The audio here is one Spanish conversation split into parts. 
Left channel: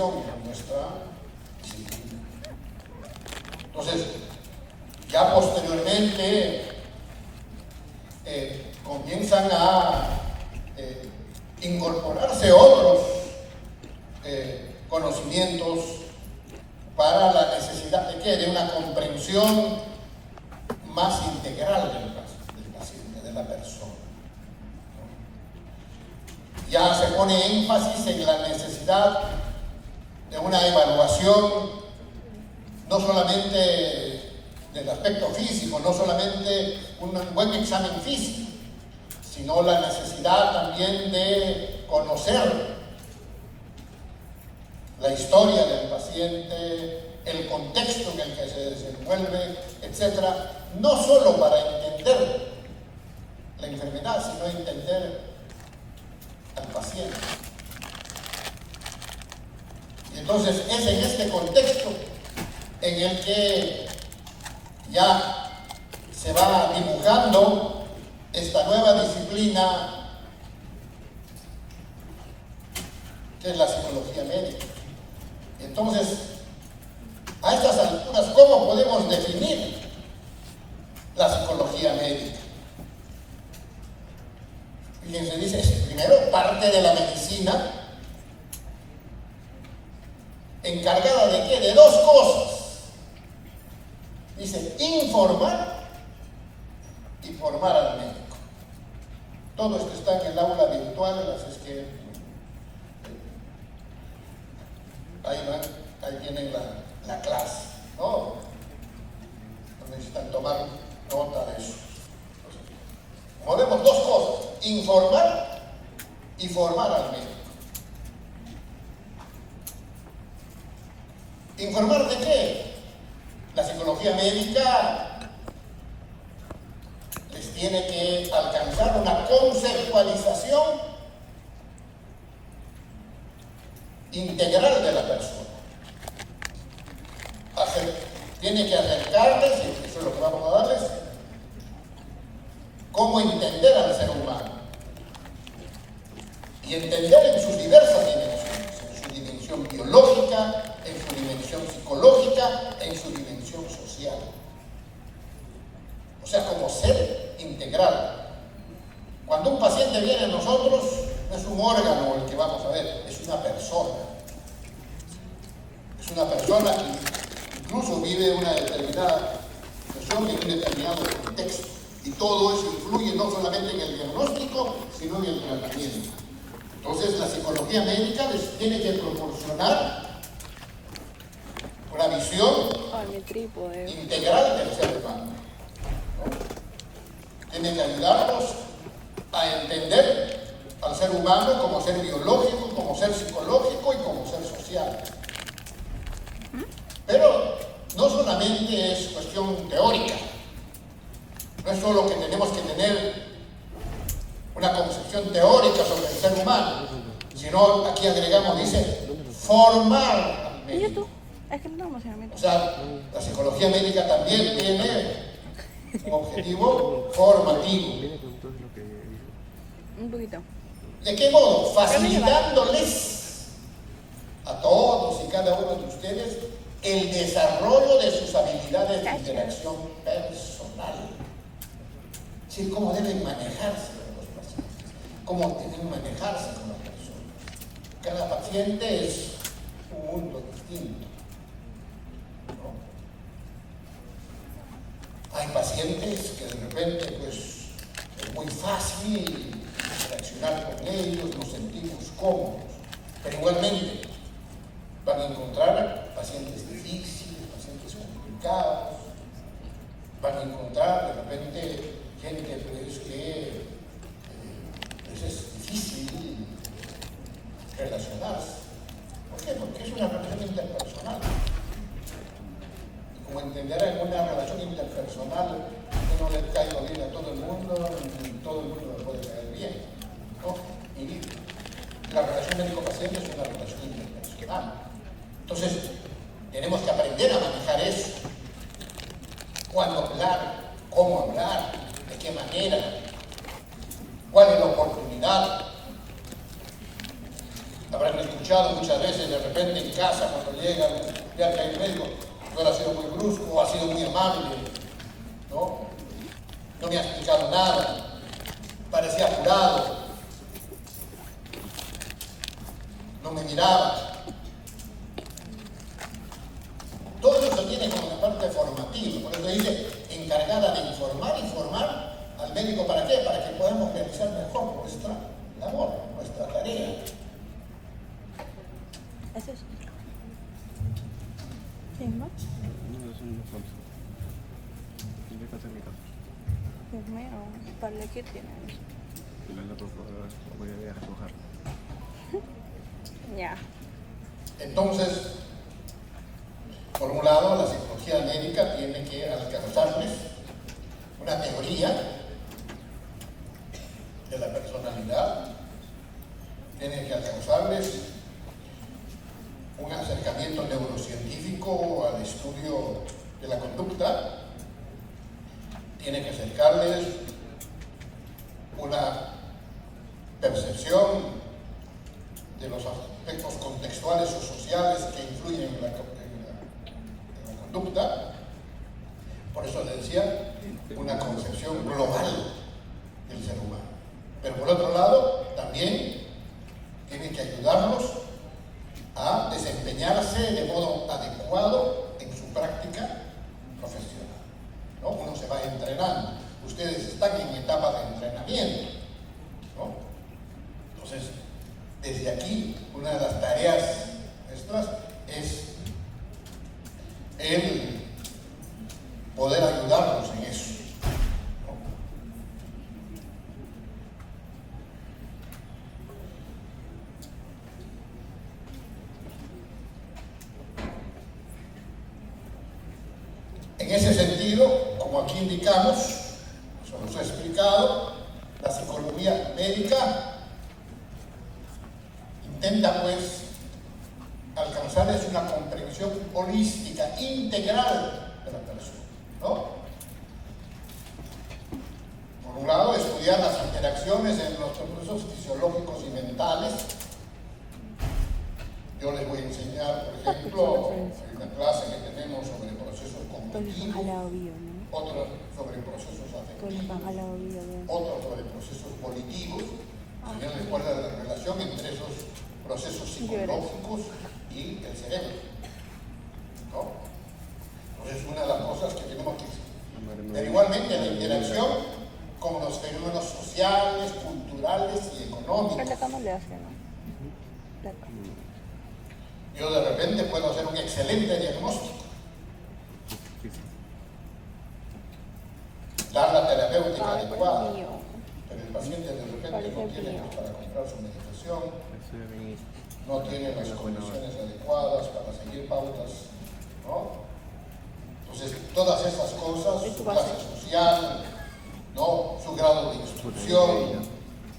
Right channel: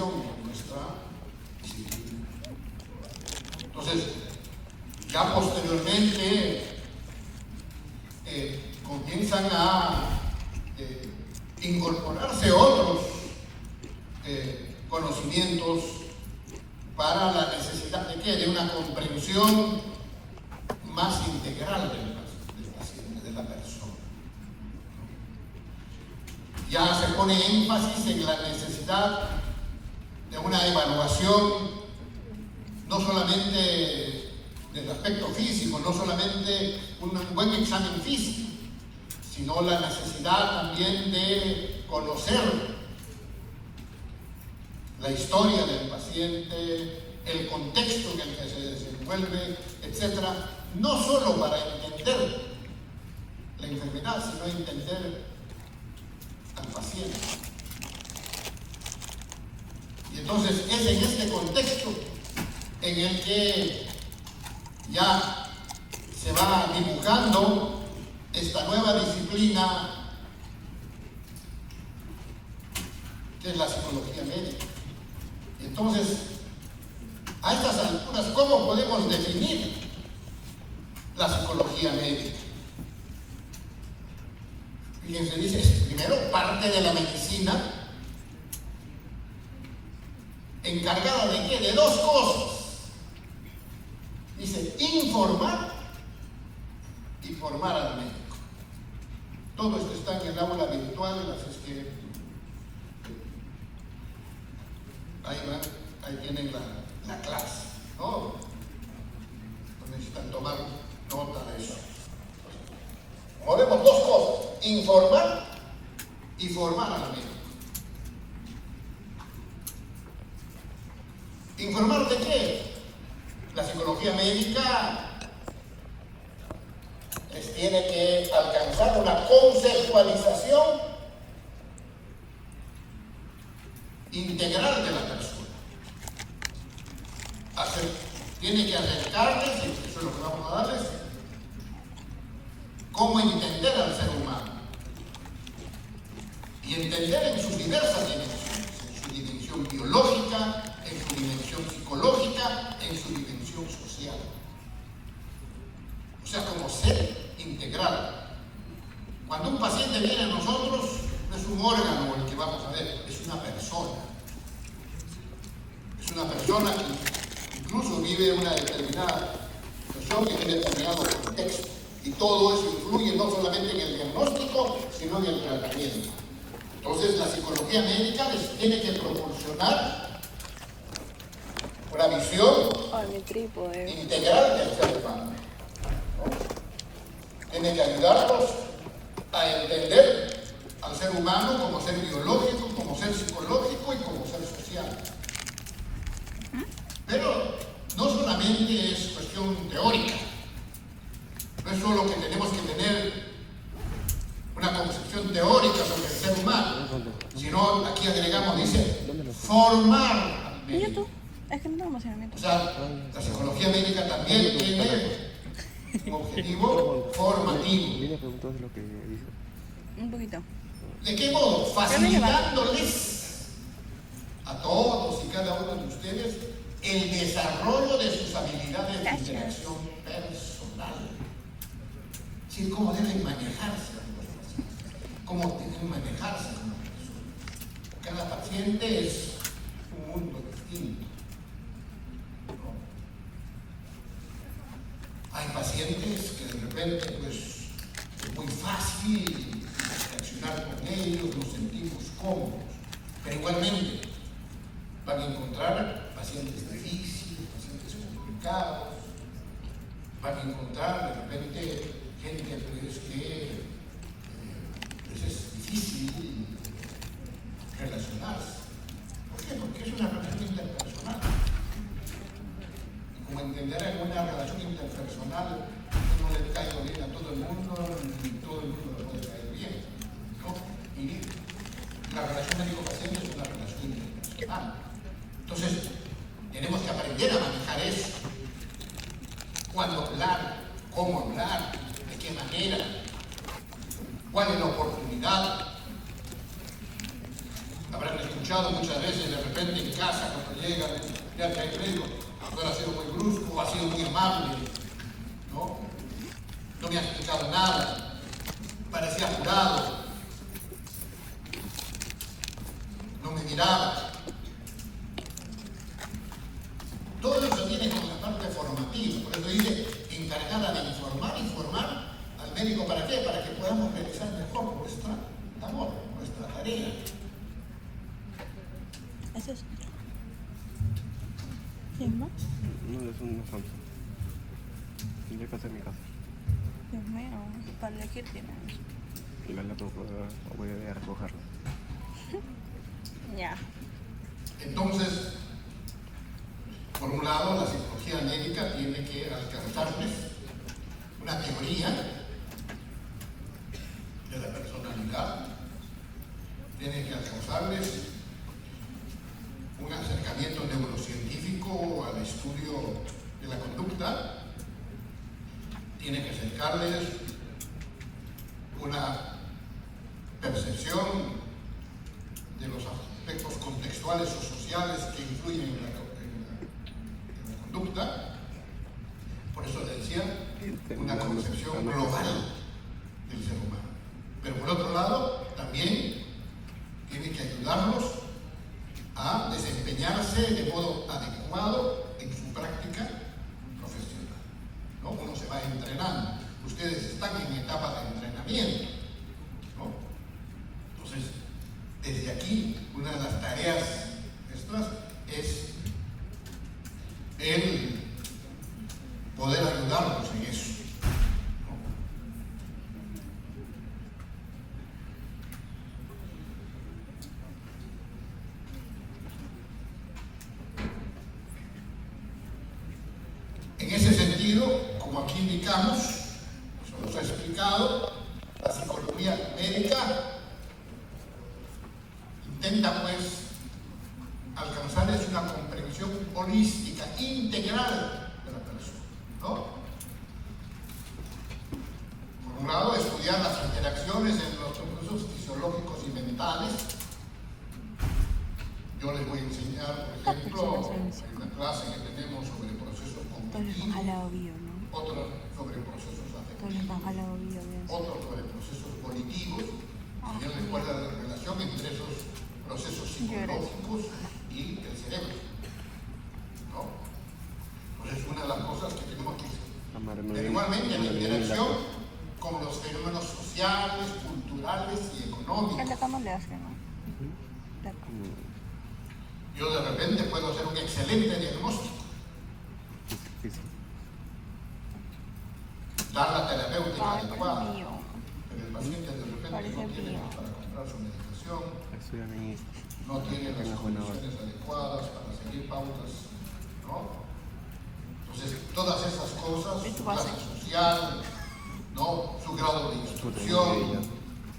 atención a nuestra disciplina. Entonces, ya posteriormente comienzan a incorporarse otros conocimientos para la necesidad de ¿qué? De una comprensión más integral del paciente, de la persona. Ya se pone énfasis en la necesidad de una evaluación no solamente del aspecto físico, no solamente un buen examen físico, sino la necesidad también de conocer la historia del paciente, el contexto en el que se desenvuelve, etc. No solo para entender la enfermedad, sino entender al paciente. Y entonces es en este contexto en el que ya se va dibujando esta nueva disciplina que es la psicología médica. Entonces, a estas alturas, ¿cómo podemos definir la psicología médica? Fíjense, dice, primero, parte de la medicina encargada de ¿qué? De dos cosas. Dice, informar y formar al médico. Todo esto está en el aula virtual, así es que ahí tienen la clase, ¿no? Necesitan tomar nota de eso. Como vemos, dos cosas, informar y formar al médico. ¿Informar de qué? La psicología médica les tiene que alcanzar una conceptualización integral de la persona. Tiene que acercarles, y eso es lo que vamos a darles, cómo entender al ser humano. Y entender en sus diversas dimensiones, en su dimensión biológica, en su dimensión psicológica, en su dimensión social. O sea, como ser integral. Cuando un paciente viene a nosotros, no es un órgano el que vamos a ver, es una persona. Es una persona que incluso vive una determinada situación y un determinado contexto. Y todo eso influye no solamente en el diagnóstico, sino en el tratamiento. Entonces, la psicología médica les tiene que proporcionar una visión integral del ser humano, ¿no? Tiene que ayudarnos a entender al ser humano como ser biológico, como ser psicológico y como ser social. Pero no solamente es cuestión teórica, no es solo que tenemos que tener una concepción teórica sobre el ser humano, sino aquí agregamos, dice, formar al médico. Es que no tengo emocionamiento. O sea, la psicología médica también tiene un objetivo formativo. Un poquito. ¿De qué modo? Facilitándoles a todos y cada uno de ustedes el desarrollo de sus habilidades de interacción personal. Es decir, cómo deben manejarse con los pacientes, cómo deben manejarse con las personas. Cada paciente es un mundo distinto, ¿no? Hay pacientes que de repente pues, es muy fácil interaccionar con ellos, nos sentimos cómodos, pero igualmente van a encontrar pacientes difíciles, pacientes complicados, van a encontrar de repente gente que pues es difícil relacionarse. ¿Por qué? Porque es una relación interpersonal. Y como entenderá, en una relación interpersonal uno le cae bien a todo el mundo y todo el mundo le puede caer bien, ¿no? Y la relación médico-paciente es una relación interpersonal. Entonces, tenemos que aprender a manejar eso. Cuándo hablar, cómo hablar, de qué manera, cuál es la oportunidad. Habrán escuchado muchas veces de repente en casa cuando llegan, ya que el médico no ha sido muy brusco, ha sido muy amable, ¿no? No me ha explicado nada, parecía curado, no me miraba. Todo eso tiene como una parte formativa, por eso dice, encargada de informar al médico, ¿para qué? Para que podamos realizar mejor nuestra labor, nuestra tarea. ¿Eso es? ¿Quién más? No, es un Samsung. Tendré que hacer mi casa. Dios mío, para elegir tiene. Y la voy a ir a recogerla. Ya. Entonces, por un lado, la psicología médica tiene que alcanzarles una teoría de la personalidad, tiene que alcanzarles un acercamiento neurocientífico al estudio de la conducta, tiene que acercarles una percepción de los aspectos contextuales o sociales que influyen en la conducta. Por eso les decía, una concepción global del ser humano. Pero por otro lado, también tiene que ayudarlos a desempeñarse de modo adecuado en su práctica profesional, ¿no? Uno se va entrenando. Ustedes están en etapa de entrenamiento, ¿no? Entonces, desde aquí, una de las tareas nuestras es el poder ayudarlos en eso, ¿no? En ese sentido, como aquí indicamos, se nos ha explicado, la psicología médica intenta pues alcanzarles una comprensión holística, integral de la persona, ¿no? Por un lado, estudiar las interacciones en los procesos fisiológicos y mentales. Yo les voy a enseñar, por ejemplo, en una clase que tenemos sobre procesos cognitivos, otro sobre procesos afectivos, otro sobre procesos volitivos. También les muestra la relación entre esos procesos psicológicos y el cerebro, ¿no? Entonces, una de las cosas que tenemos que pero igualmente la interacción con los fenómenos sociales, culturales y económicos. Yo de repente puedo hacer un excelente diagnóstico, dar la terapéutica adecuada, pero el paciente de repente no tiene para comprar su medicación, no tiene las condiciones adecuadas para seguir pautas, ¿no? Entonces, todas esas cosas, su clase social, ¿no? Su grado de instrucción,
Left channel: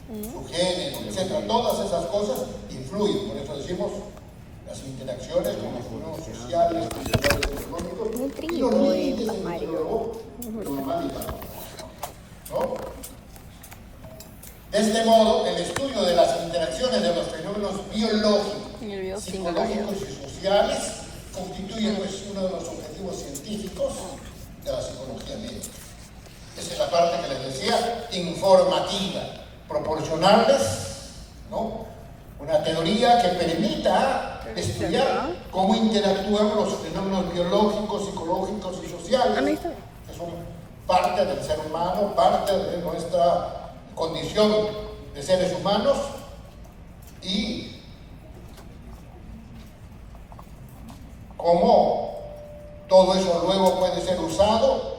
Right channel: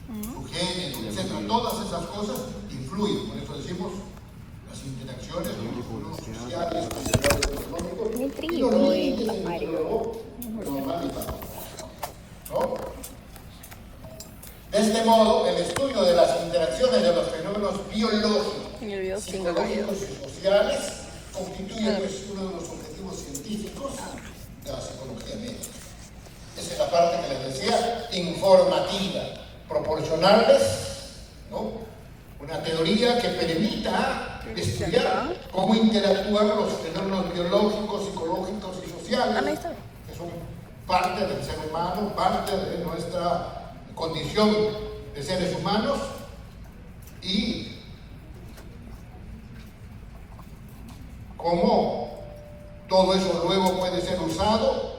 su género, etc., todas esas cosas influyen. Por eso decimos las interacciones con los fenómenos sociales, culturales, económicos, y los límites entre lo normal y patológico, ¿no? De este modo, el estudio de las interacciones de los fenómenos biológicos, psicológicos y sociales constituye pues, uno de los objetivos científicos de la psicología médica. Esa es la parte que les decía, informativa, proporcionarles, ¿no?, una teoría que permita estudiar cómo interactúan los fenómenos biológicos, psicológicos y sociales, que son parte del ser humano, parte de nuestra condición de seres humanos, y cómo todo eso luego puede ser usado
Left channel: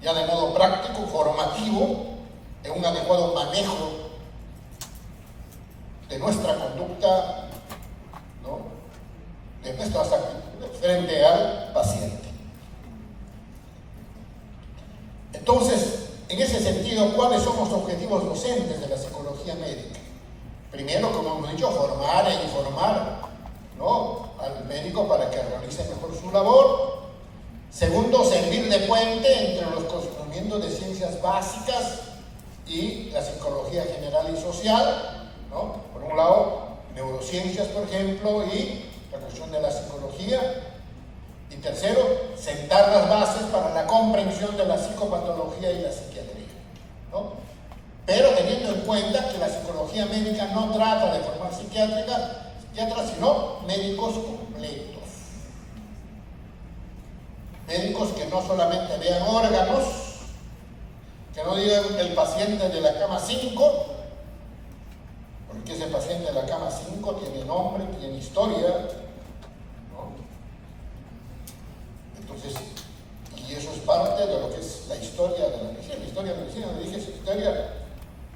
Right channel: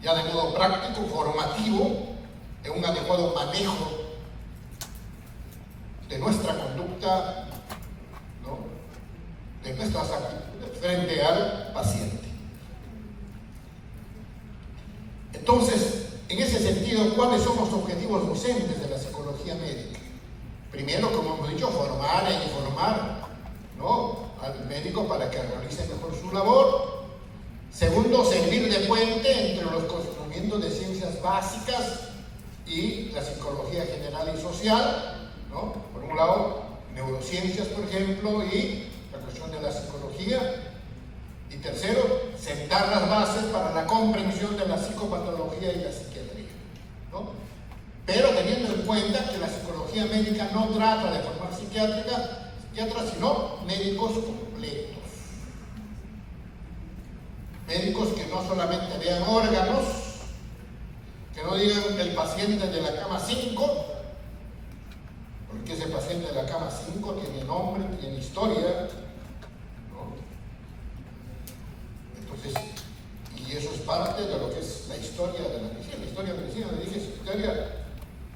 ya de modo práctico, formativo, en un adecuado manejo de nuestra conducta, ¿no?, de nuestras actitudes frente al paciente. Entonces, en ese sentido, ¿cuáles son los objetivos docentes de la psicología médica? Primero, como hemos dicho, formar e informar, ¿no?, al médico para que realice mejor su labor. Segundo, servir de puente entre los conocimientos de ciencias básicas y la psicología general y social, ¿no? Por un lado, neurociencias, por ejemplo, y la cuestión de la psicología. Y tercero, sentar las bases para la comprensión de la psicopatología y la psiquiatría, ¿no? Pero teniendo en cuenta que la psicología médica no trata de formar psiquiatras, sino médicos completos. Médicos que no solamente vean órganos, que no digan el paciente de la cama 5, porque ese paciente de la cama 5 tiene nombre, tiene historia, ¿no? Entonces, y eso es parte de lo que es la historia de la medicina. La historia de la medicina, le dije, es historia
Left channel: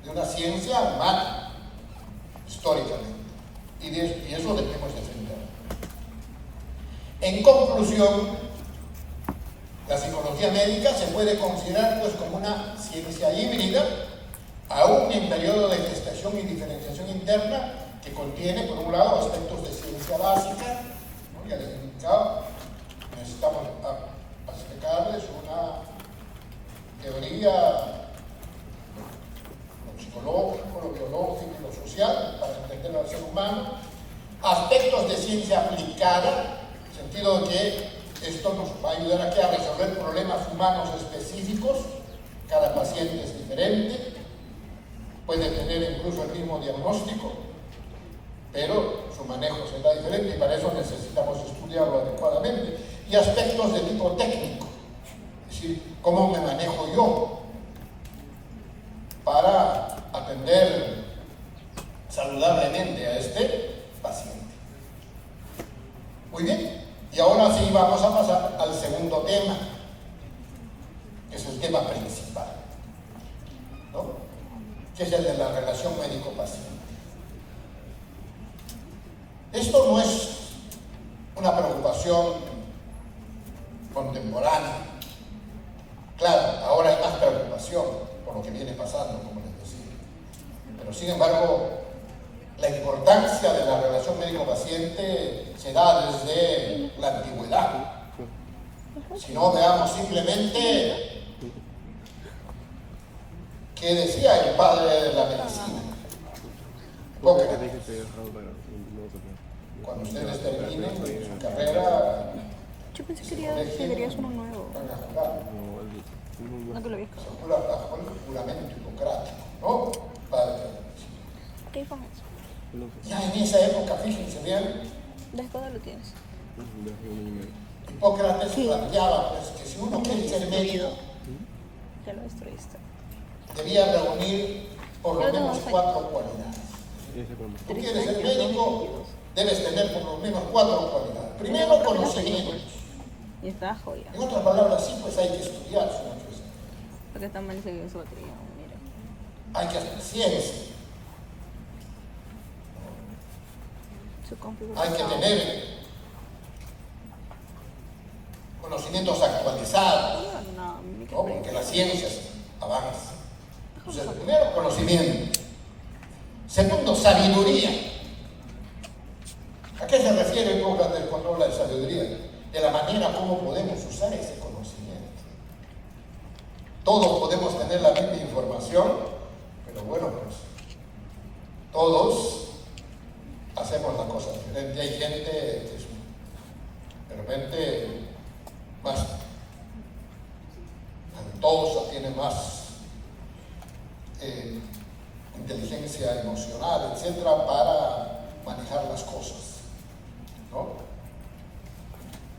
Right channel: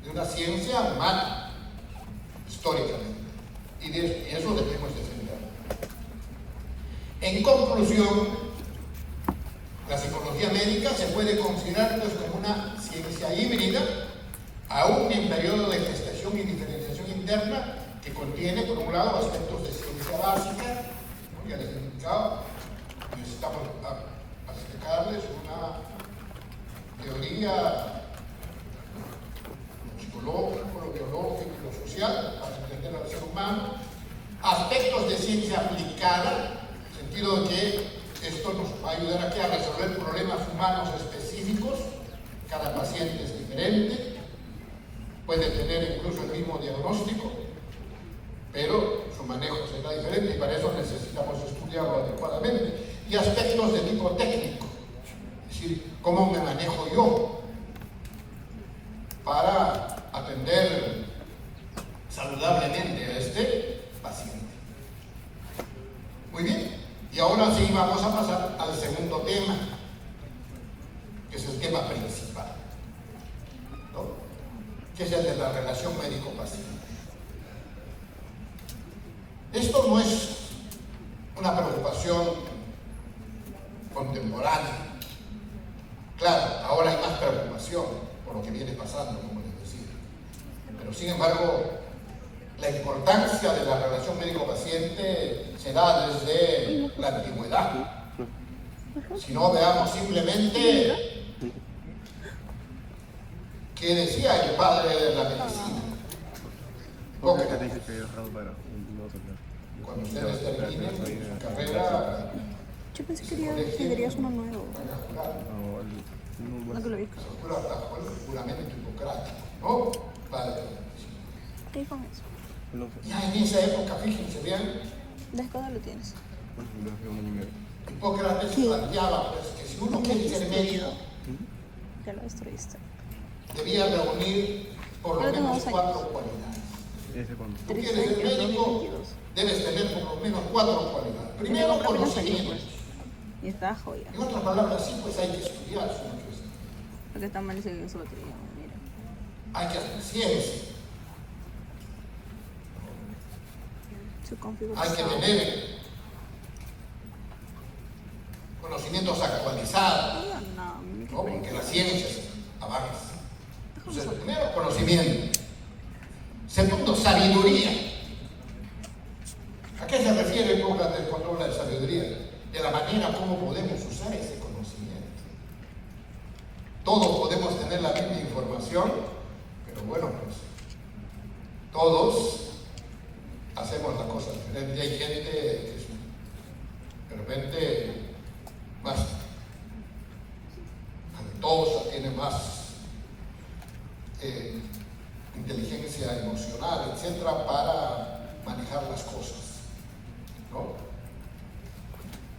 de una ciencia humana, históricamente. Y eso debemos defender. En conclusión, la psicología médica se puede considerar pues como una ciencia híbrida, aún en periodo de gestación y diferenciación interna, que contiene, por un lado, aspectos de ciencia básica, ¿no? Ya les he indicado, necesitamos acercarles una teoría, lo psicológico, lo biológico y lo social, para entender al ser humano, aspectos de ciencia aplicada, en el sentido de que esto nos va a ayudar aquí a resolver problemas humanos específicos. Cada paciente es diferente, puede tener incluso el mismo diagnóstico, pero su manejo será diferente y para eso necesitamos estudiarlo adecuadamente. Y aspectos de tipo técnico, es decir, cómo me manejo yo para atender saludablemente a este paciente. Muy bien. Y ahora sí vamos a pasar al segundo tema, que es el tema principal, ¿no? Que es el de la relación médico-paciente. Esto no es una preocupación contemporánea. Claro, ahora hay más preocupación por lo que viene pasando, como les decía. Pero sin embargo, la importancia de la relación médico-paciente se da desde la antigüedad. Si no, veamos simplemente qué decía el padre de la medicina, Hipócrates. Cuando ustedes terminen su carrera, Yo pensé que querías uno nuevo. van a jurar. No que lo vi. Se jura bajo el juramento hipocrático, ¿no? Padre de la medicina. ¿Qué con eso? Ya en esa época, fíjense, vean, ¿De cuándo lo tienes? Hipócrates planteaba pues, que si uno quiere ser médico, Ya lo destruiste. debía reunir por lo menos 4 cualidades. Tú quieres ser médico, debes tener por lo menos 4 cualidades. Primero, conocimientos. Y está joya. En otras palabras, sí, pues hay que estudiar, señor Cristo. Porque está mal dice que es batería. Mira. Hay que hacer ciencia. Su compu. Hay que tener conocimientos actualizados, No, ¿no? Porque la ciencia avanza. Entonces, primero, conocimiento. Segundo, sabiduría. ¿A qué se refiere Hipócrates cuando habla de sabiduría? De la manera como podemos usar ese conocimiento. Todos podemos tener la misma información, pero bueno, pues todos hacemos la cosa diferente. Hay gente que es, de repente, más talentosa, tiene más inteligencia emocional, etcétera, para manejar las cosas, ¿no?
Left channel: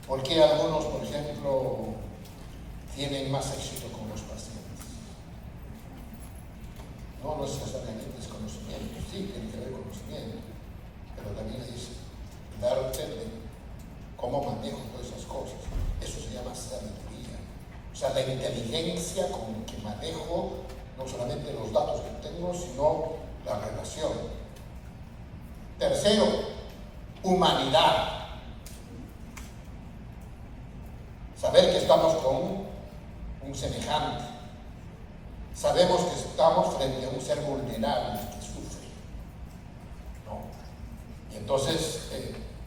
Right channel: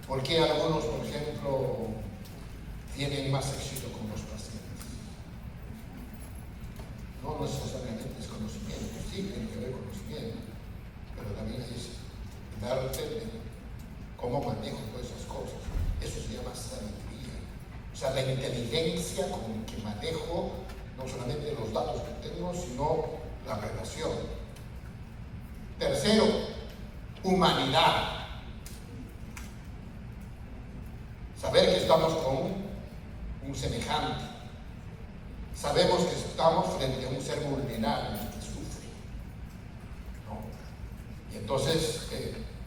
Porque algunos, por ejemplo, tienen más éxito con los pacientes. No necesariamente es conocimiento, sí, tiene que haber conocimiento, pero también es el arte de cómo manejo todas esas cosas. Eso se llama sabiduría. O sea, la inteligencia con que manejo no solamente los datos que tengo, sino la relación. Tercero, humanidad. Saber que estamos con un semejante. Sabemos que estamos frente a un ser vulnerable que sufre, ¿no? Y entonces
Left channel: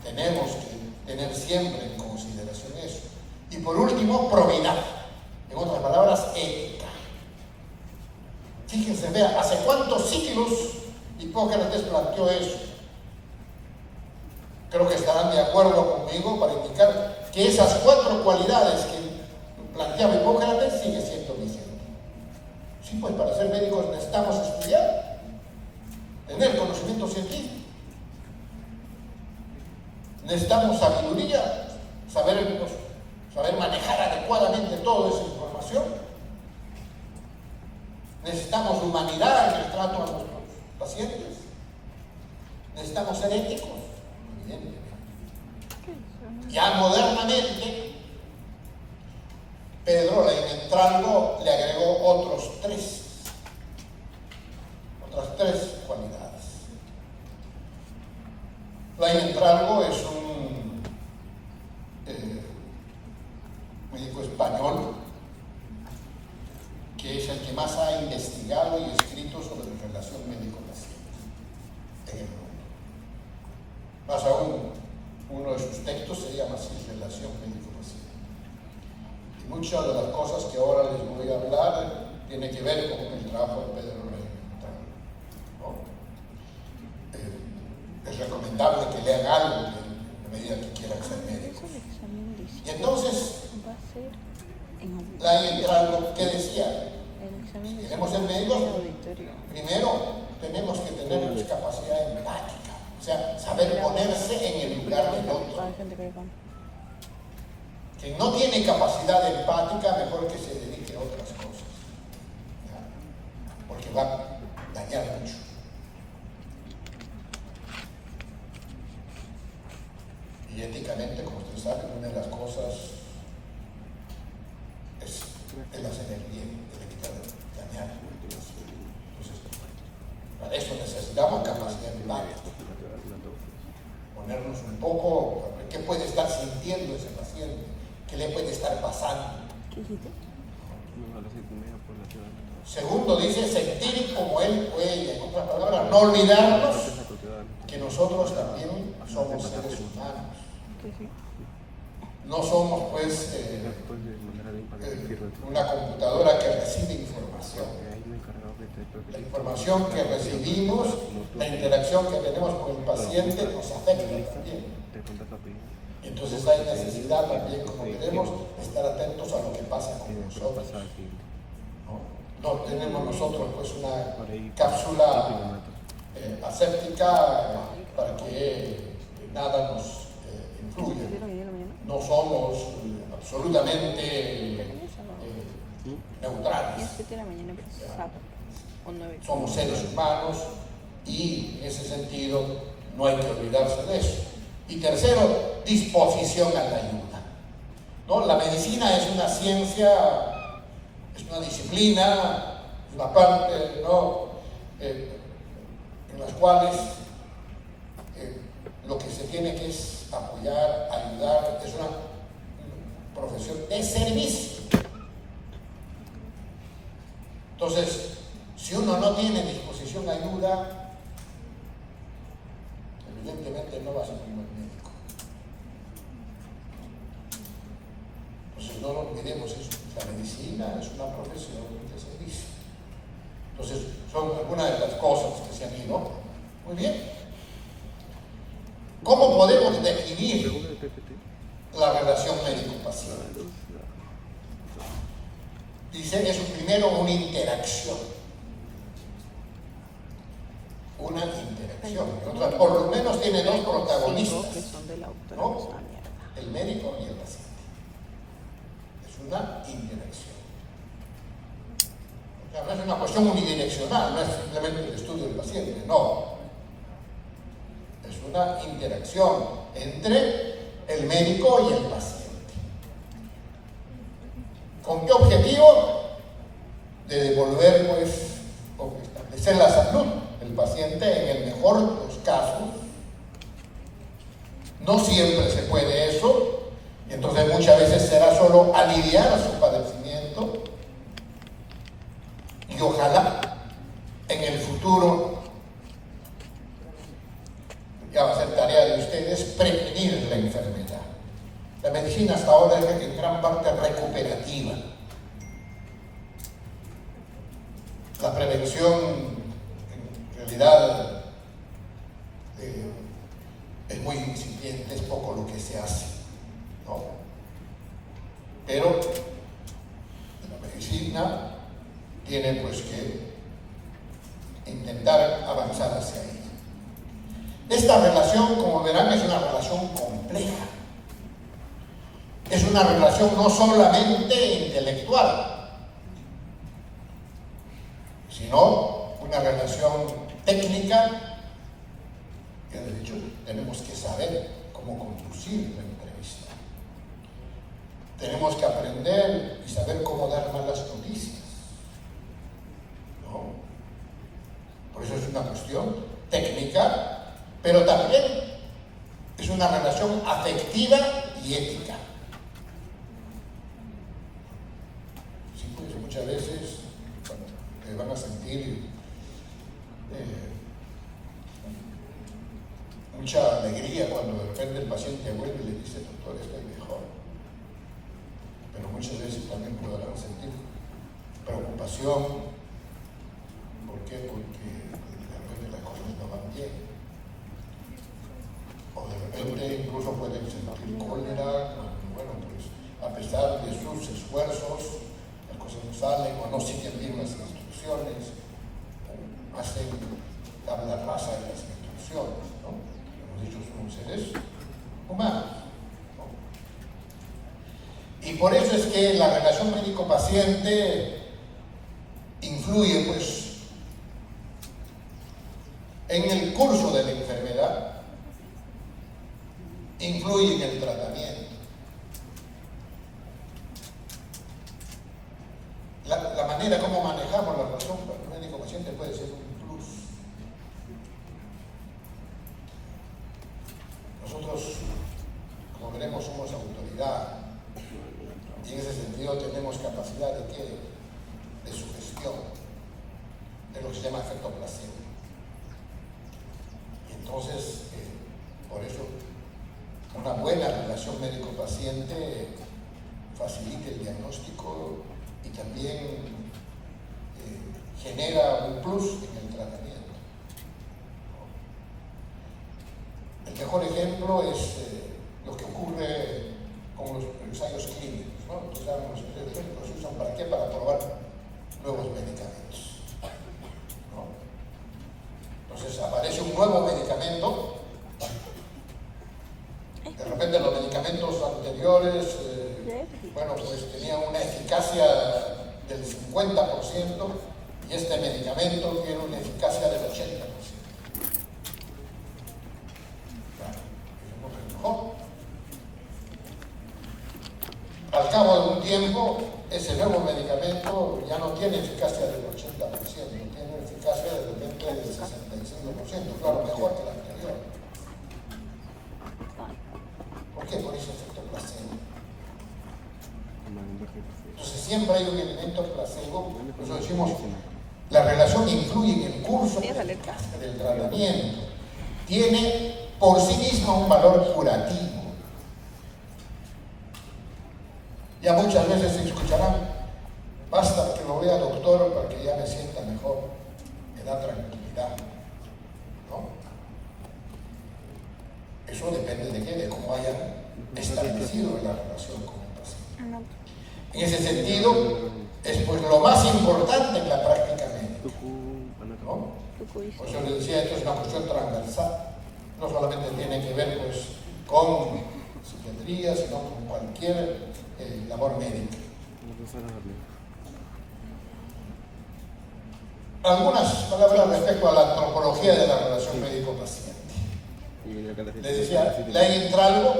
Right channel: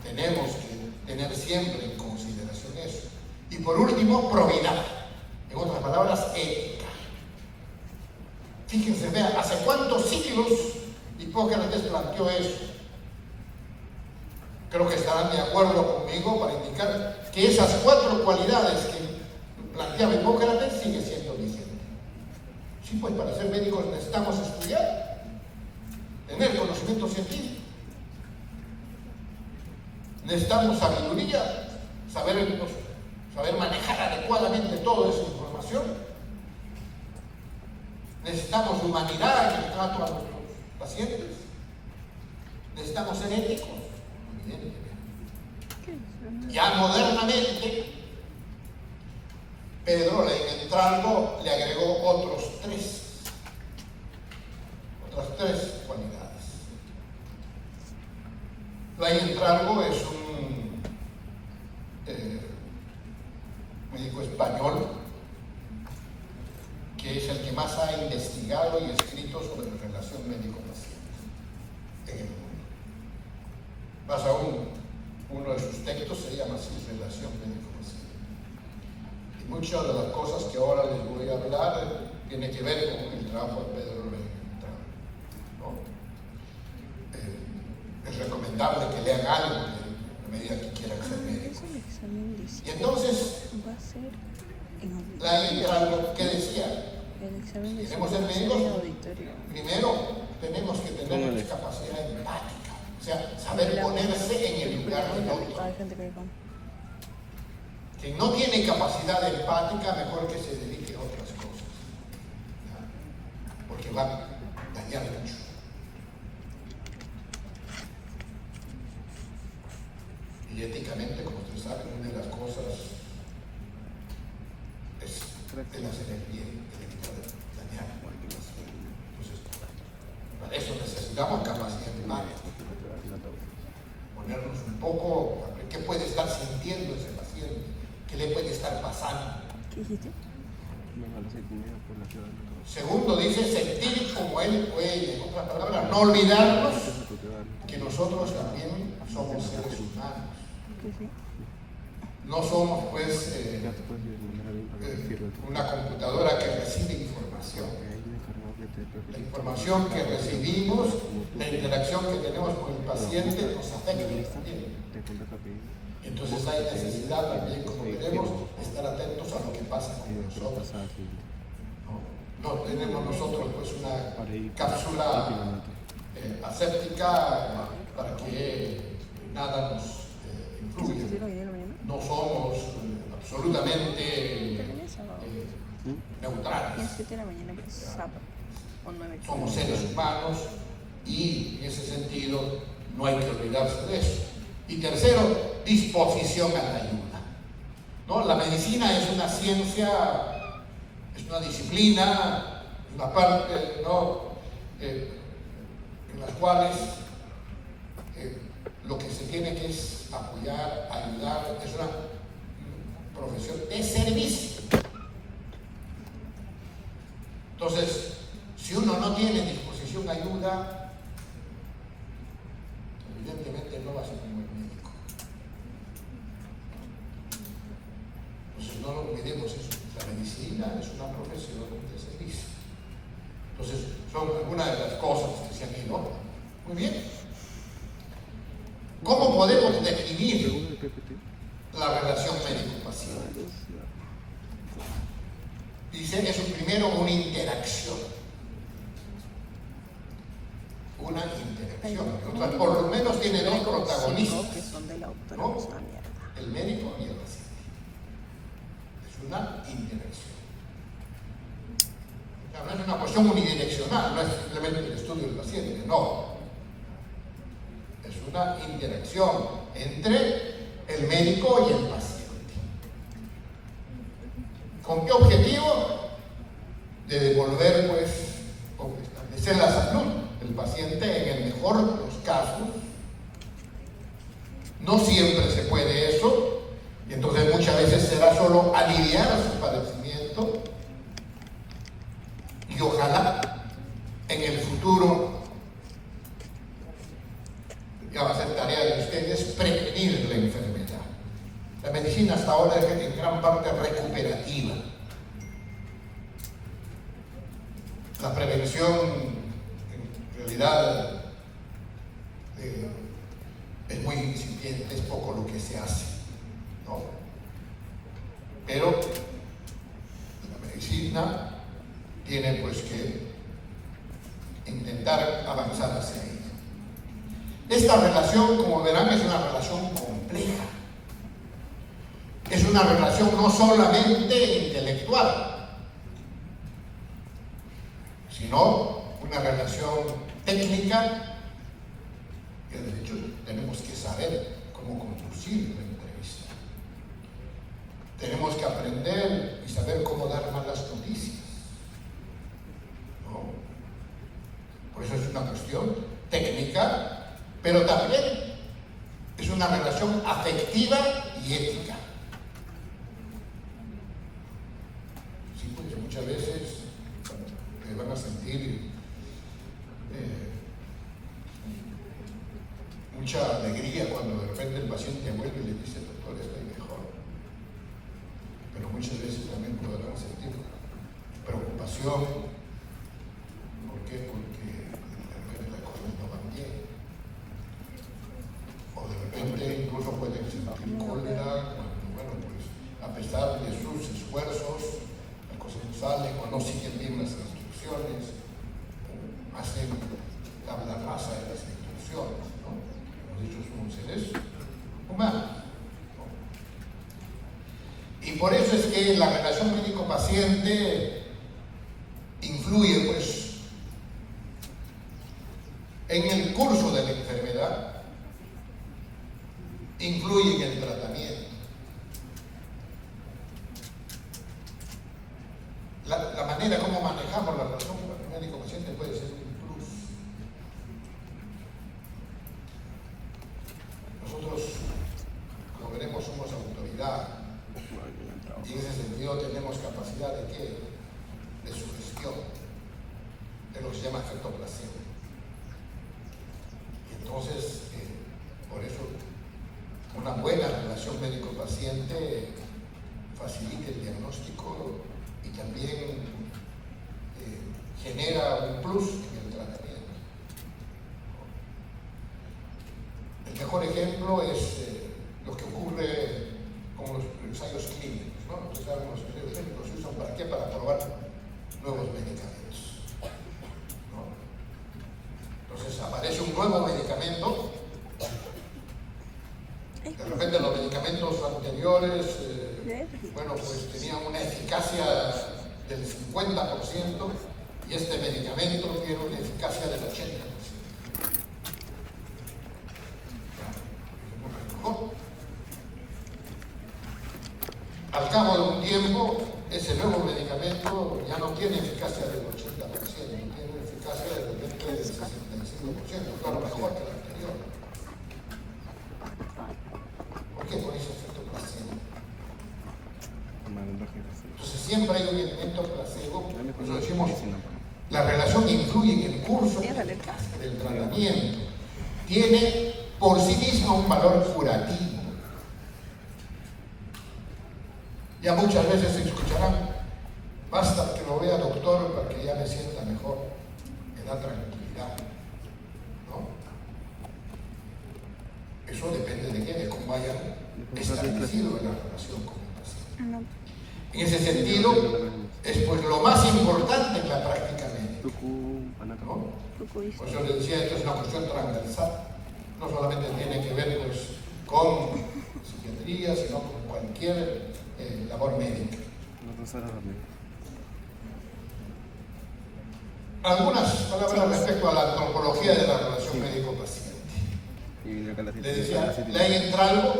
tenemos que tener siempre en consideración eso. Y por último, probidad. En otras palabras, ética. Fíjense, vea, ¿hace cuántos siglos Hipócrates planteó eso? creo que estarán de acuerdo conmigo para indicar que esas 4 cualidades que planteaba Hipócrates sigue siendo vigente. Sí, pues para ser médicos necesitamos estudiar, tener conocimiento científico. Necesitamos sabiduría, saber manejar adecuadamente toda esa información. Necesitamos humanidad en el trato a nuestros pacientes. Necesitamos ser éticos, evidentemente. Ya modernamente, Pedro Leinentralgo le agregó otras 3 cualidades. Leinentralgo es un médico español que es el que más ha investigado y escrito sobre la relación médico-paciente en el mundo. Más aún, uno de sus textos se llama así, Relación médico-paciente. Y muchas de las cosas que ahora les voy a hablar tienen que ver con el trabajo de Pedro Leinentralgo, ¿no? Es recomendable que lean algo a medida que quieran ser médicos. Y entonces, Leinentralgo, ¿qué decía? Si queremos ser médicos, primero tenemos que tener una capacidad empática, o sea, saber ponerse en el lugar del otro. Quien no tiene capacidad empática, mejor que se dedique a otras cosas, ¿ya? Porque va a dañar mucho. Y éticamente, como ustedes saben, una de las cosas es el hacer el bien, el evitar dañar. Entonces, para eso necesitamos capacidad empática. Ponernos un poco, a ver qué puede estar sintiendo ese paciente, qué le puede estar pasando. Segundo, dice sentir como él o ella. En otras palabras, no olvidarnos que nosotros también somos seres humanos. No somos, pues, una computadora que recibe información. La información que recibimos, la interacción que tenemos con el paciente nos afecta también. Entonces hay necesidad también, como veremos, de estar atentos a lo que pasa con nosotros. No tenemos nosotros, pues, una cápsula aséptica para que nada nos influya. No somos absolutamente neutrales. Somos seres humanos y en ese sentido no hay que olvidarse de eso. Y tercero, disposición a la ayuda, ¿no? La medicina es una ciencia, es una disciplina, una parte, ¿no? En las cuales lo que se tiene que es apoyar, ayudar, es una profesión de servicio. Entonces, si uno no tiene disposición a ayuda, evidentemente no va a ser un buen médico. Entonces, no lo olvidemos eso. La medicina es una profesión de servicio. Entonces, son algunas de las cosas que se han ido. Muy bien. ¿Cómo podemos definir la relación médico-paciente? Dice, es primero una interacción. Una interacción. Por lo menos tiene 2 protagonistas, ¿no? El médico y el paciente. Es una interacción. O sea, no es una cuestión unidireccional, no es simplemente el estudio del paciente, no. Es una interacción entre el médico y el paciente. ¿Con qué objetivo? De devolver, pues, o establecer la salud del paciente en el mejor de los casos. No siempre se puede eso, y entonces muchas veces será solo aliviar su padecimiento, y ojalá en el futuro, ya va a ser tarea de ustedes, prevenir la enfermedad. La medicina hasta ahora es en gran parte recuperativa. La prevención, en realidad, es muy incipiente, es poco lo que se hace, ¿no? Pero la medicina tiene pues que intentar avanzar hacia ella. Esta relación, como verán, es una relación compleja. Es una relación no solamente intelectual, sino una relación técnica, que de hecho tenemos que saber cómo conducir la entrevista. Tenemos que aprender y saber cómo dar malas noticias, ¿no? Por eso es una cuestión técnica, pero también es una relación afectiva y ética. Sí, pues muchas veces te van a sentir mucha alegría cuando de repente el paciente vuelve y le dice: doctor, estoy mejor. Pero muchas veces también podrán sentir preocupación. ¿Por qué? Porque de repente las cosas no van bien. O de repente incluso pueden sentir cólera cuando, bueno, pues a pesar de sus esfuerzos, las cosas no salen o no siguen bien las instrucciones, o hacen tabla rasa de las instrucciones, ¿no? Hemos dicho, somos seres humanos, ¿no? Y por eso es que la relación médico-paciente influye, pues, en el curso de la enfermedad, influye en el tratamiento. La manera como manejamos la relación médico-paciente puede ser un plus. Nosotros, como veremos, somos autoridad y en ese sentido tenemos capacidad de ¿qué? De sugestión, de lo que se llama efecto placebo. Y entonces, por eso, una buena relación médico-paciente facilita el diagnóstico y también genera un plus en el tratamiento. El mejor ejemplo es lo que ocurre con los ensayos clínicos, ¿no? Entonces, saben, los ensayos clínicos se usan ¿para qué? Para probar nuevos medicamentos, ¿no? Entonces aparece un nuevo medicamento. De repente los medicamentos anteriores, bueno, pues tenían una eficacia del 50% y este medicamento tiene una eficacia del 80%. Mejor. Al cabo de un tiempo, ese nuevo medicamento ya no tiene eficacia del 80%, tiene eficacia de repente del 65%, claro, mejor que el anterior. ¿Por qué? Por ese efecto placebo. Entonces siempre hay un elemento placebo, por eso decimos, la relación influye en el curso del tratamiento. Tiene por sí misma un valor curativo. Ya muchas veces se escucharán: basta que lo vea doctor para que ya me sienta mejor, me da tranquilidad, ¿no? Eso depende de qué, de cómo hayan establecido la relación con el paciente. En ese sentido, es pues lo más importante en la práctica médica, ¿no? Por eso les decía, esto es una cuestión transversal. No solamente tiene que ver pues con psiquiatría, sino con cualquier labor médica. Algunas palabras respecto a la antropología de la relación médico-paciente. Le decía, Ley Entralgo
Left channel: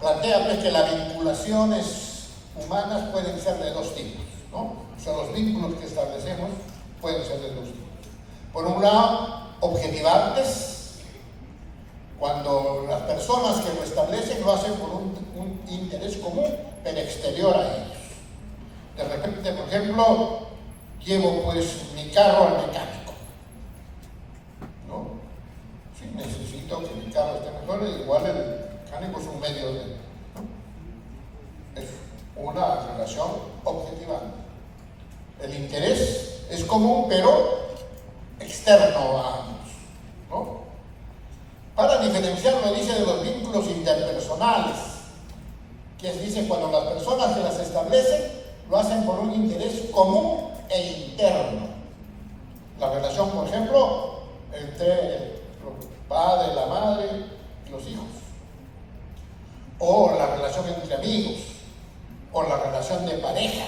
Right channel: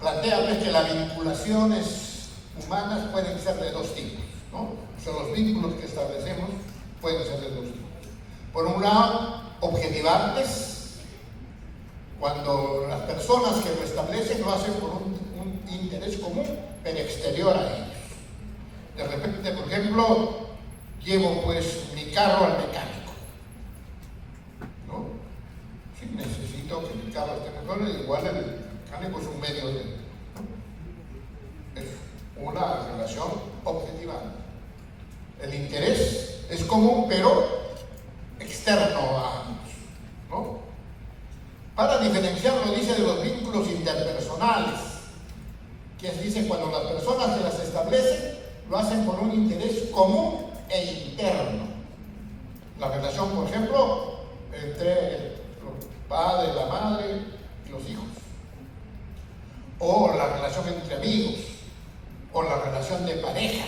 plantea pues que las vinculaciones humanas pueden ser de dos tipos, ¿no? O sea, los vínculos que establecemos pueden ser de dos tipos. Por un lado, objetivantes, cuando las personas que lo establecen lo hacen por un interés común, pero exterior a ellos. De repente, por ejemplo, llevo pues mi carro al mecánico, ¿no? Si necesito que mi carro esté mejor, igual el mecánico es un medio de, ¿no? Es una relación objetivante. El interés es común, pero externo a ambos, ¿no? Para diferenciarlo, dice, de interpersonales, que dice cuando las personas que las establecen lo hacen por un interés común e interno. La relación, por ejemplo, entre el padre, la madre y los hijos, o la relación entre amigos, o la relación de pareja,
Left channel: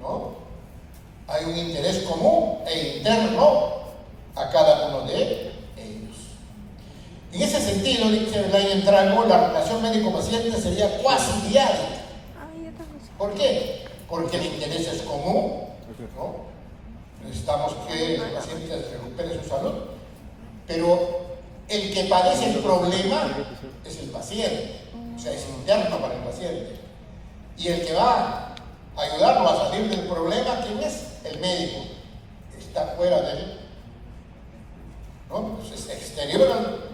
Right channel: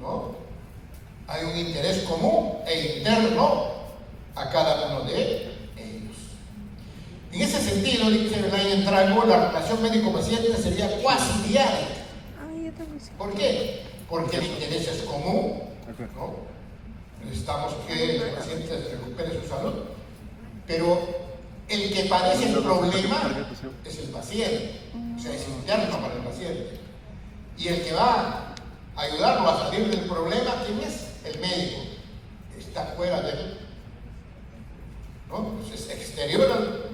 ¿no? Hay un interés común e interno a cada uno de ellos. En ese sentido, dice Belain Trago, la relación médico-paciente sería cuasi diaria. ¿Por qué? Porque el interés es común, ¿no? Necesitamos que el paciente recupere su salud, pero el que padece el problema es el paciente, o sea, es interno para el paciente. Y el que va a ayudarlo a salir del problema, ¿quién es? El médico. Está fuera de él, ¿no? Pues es exterior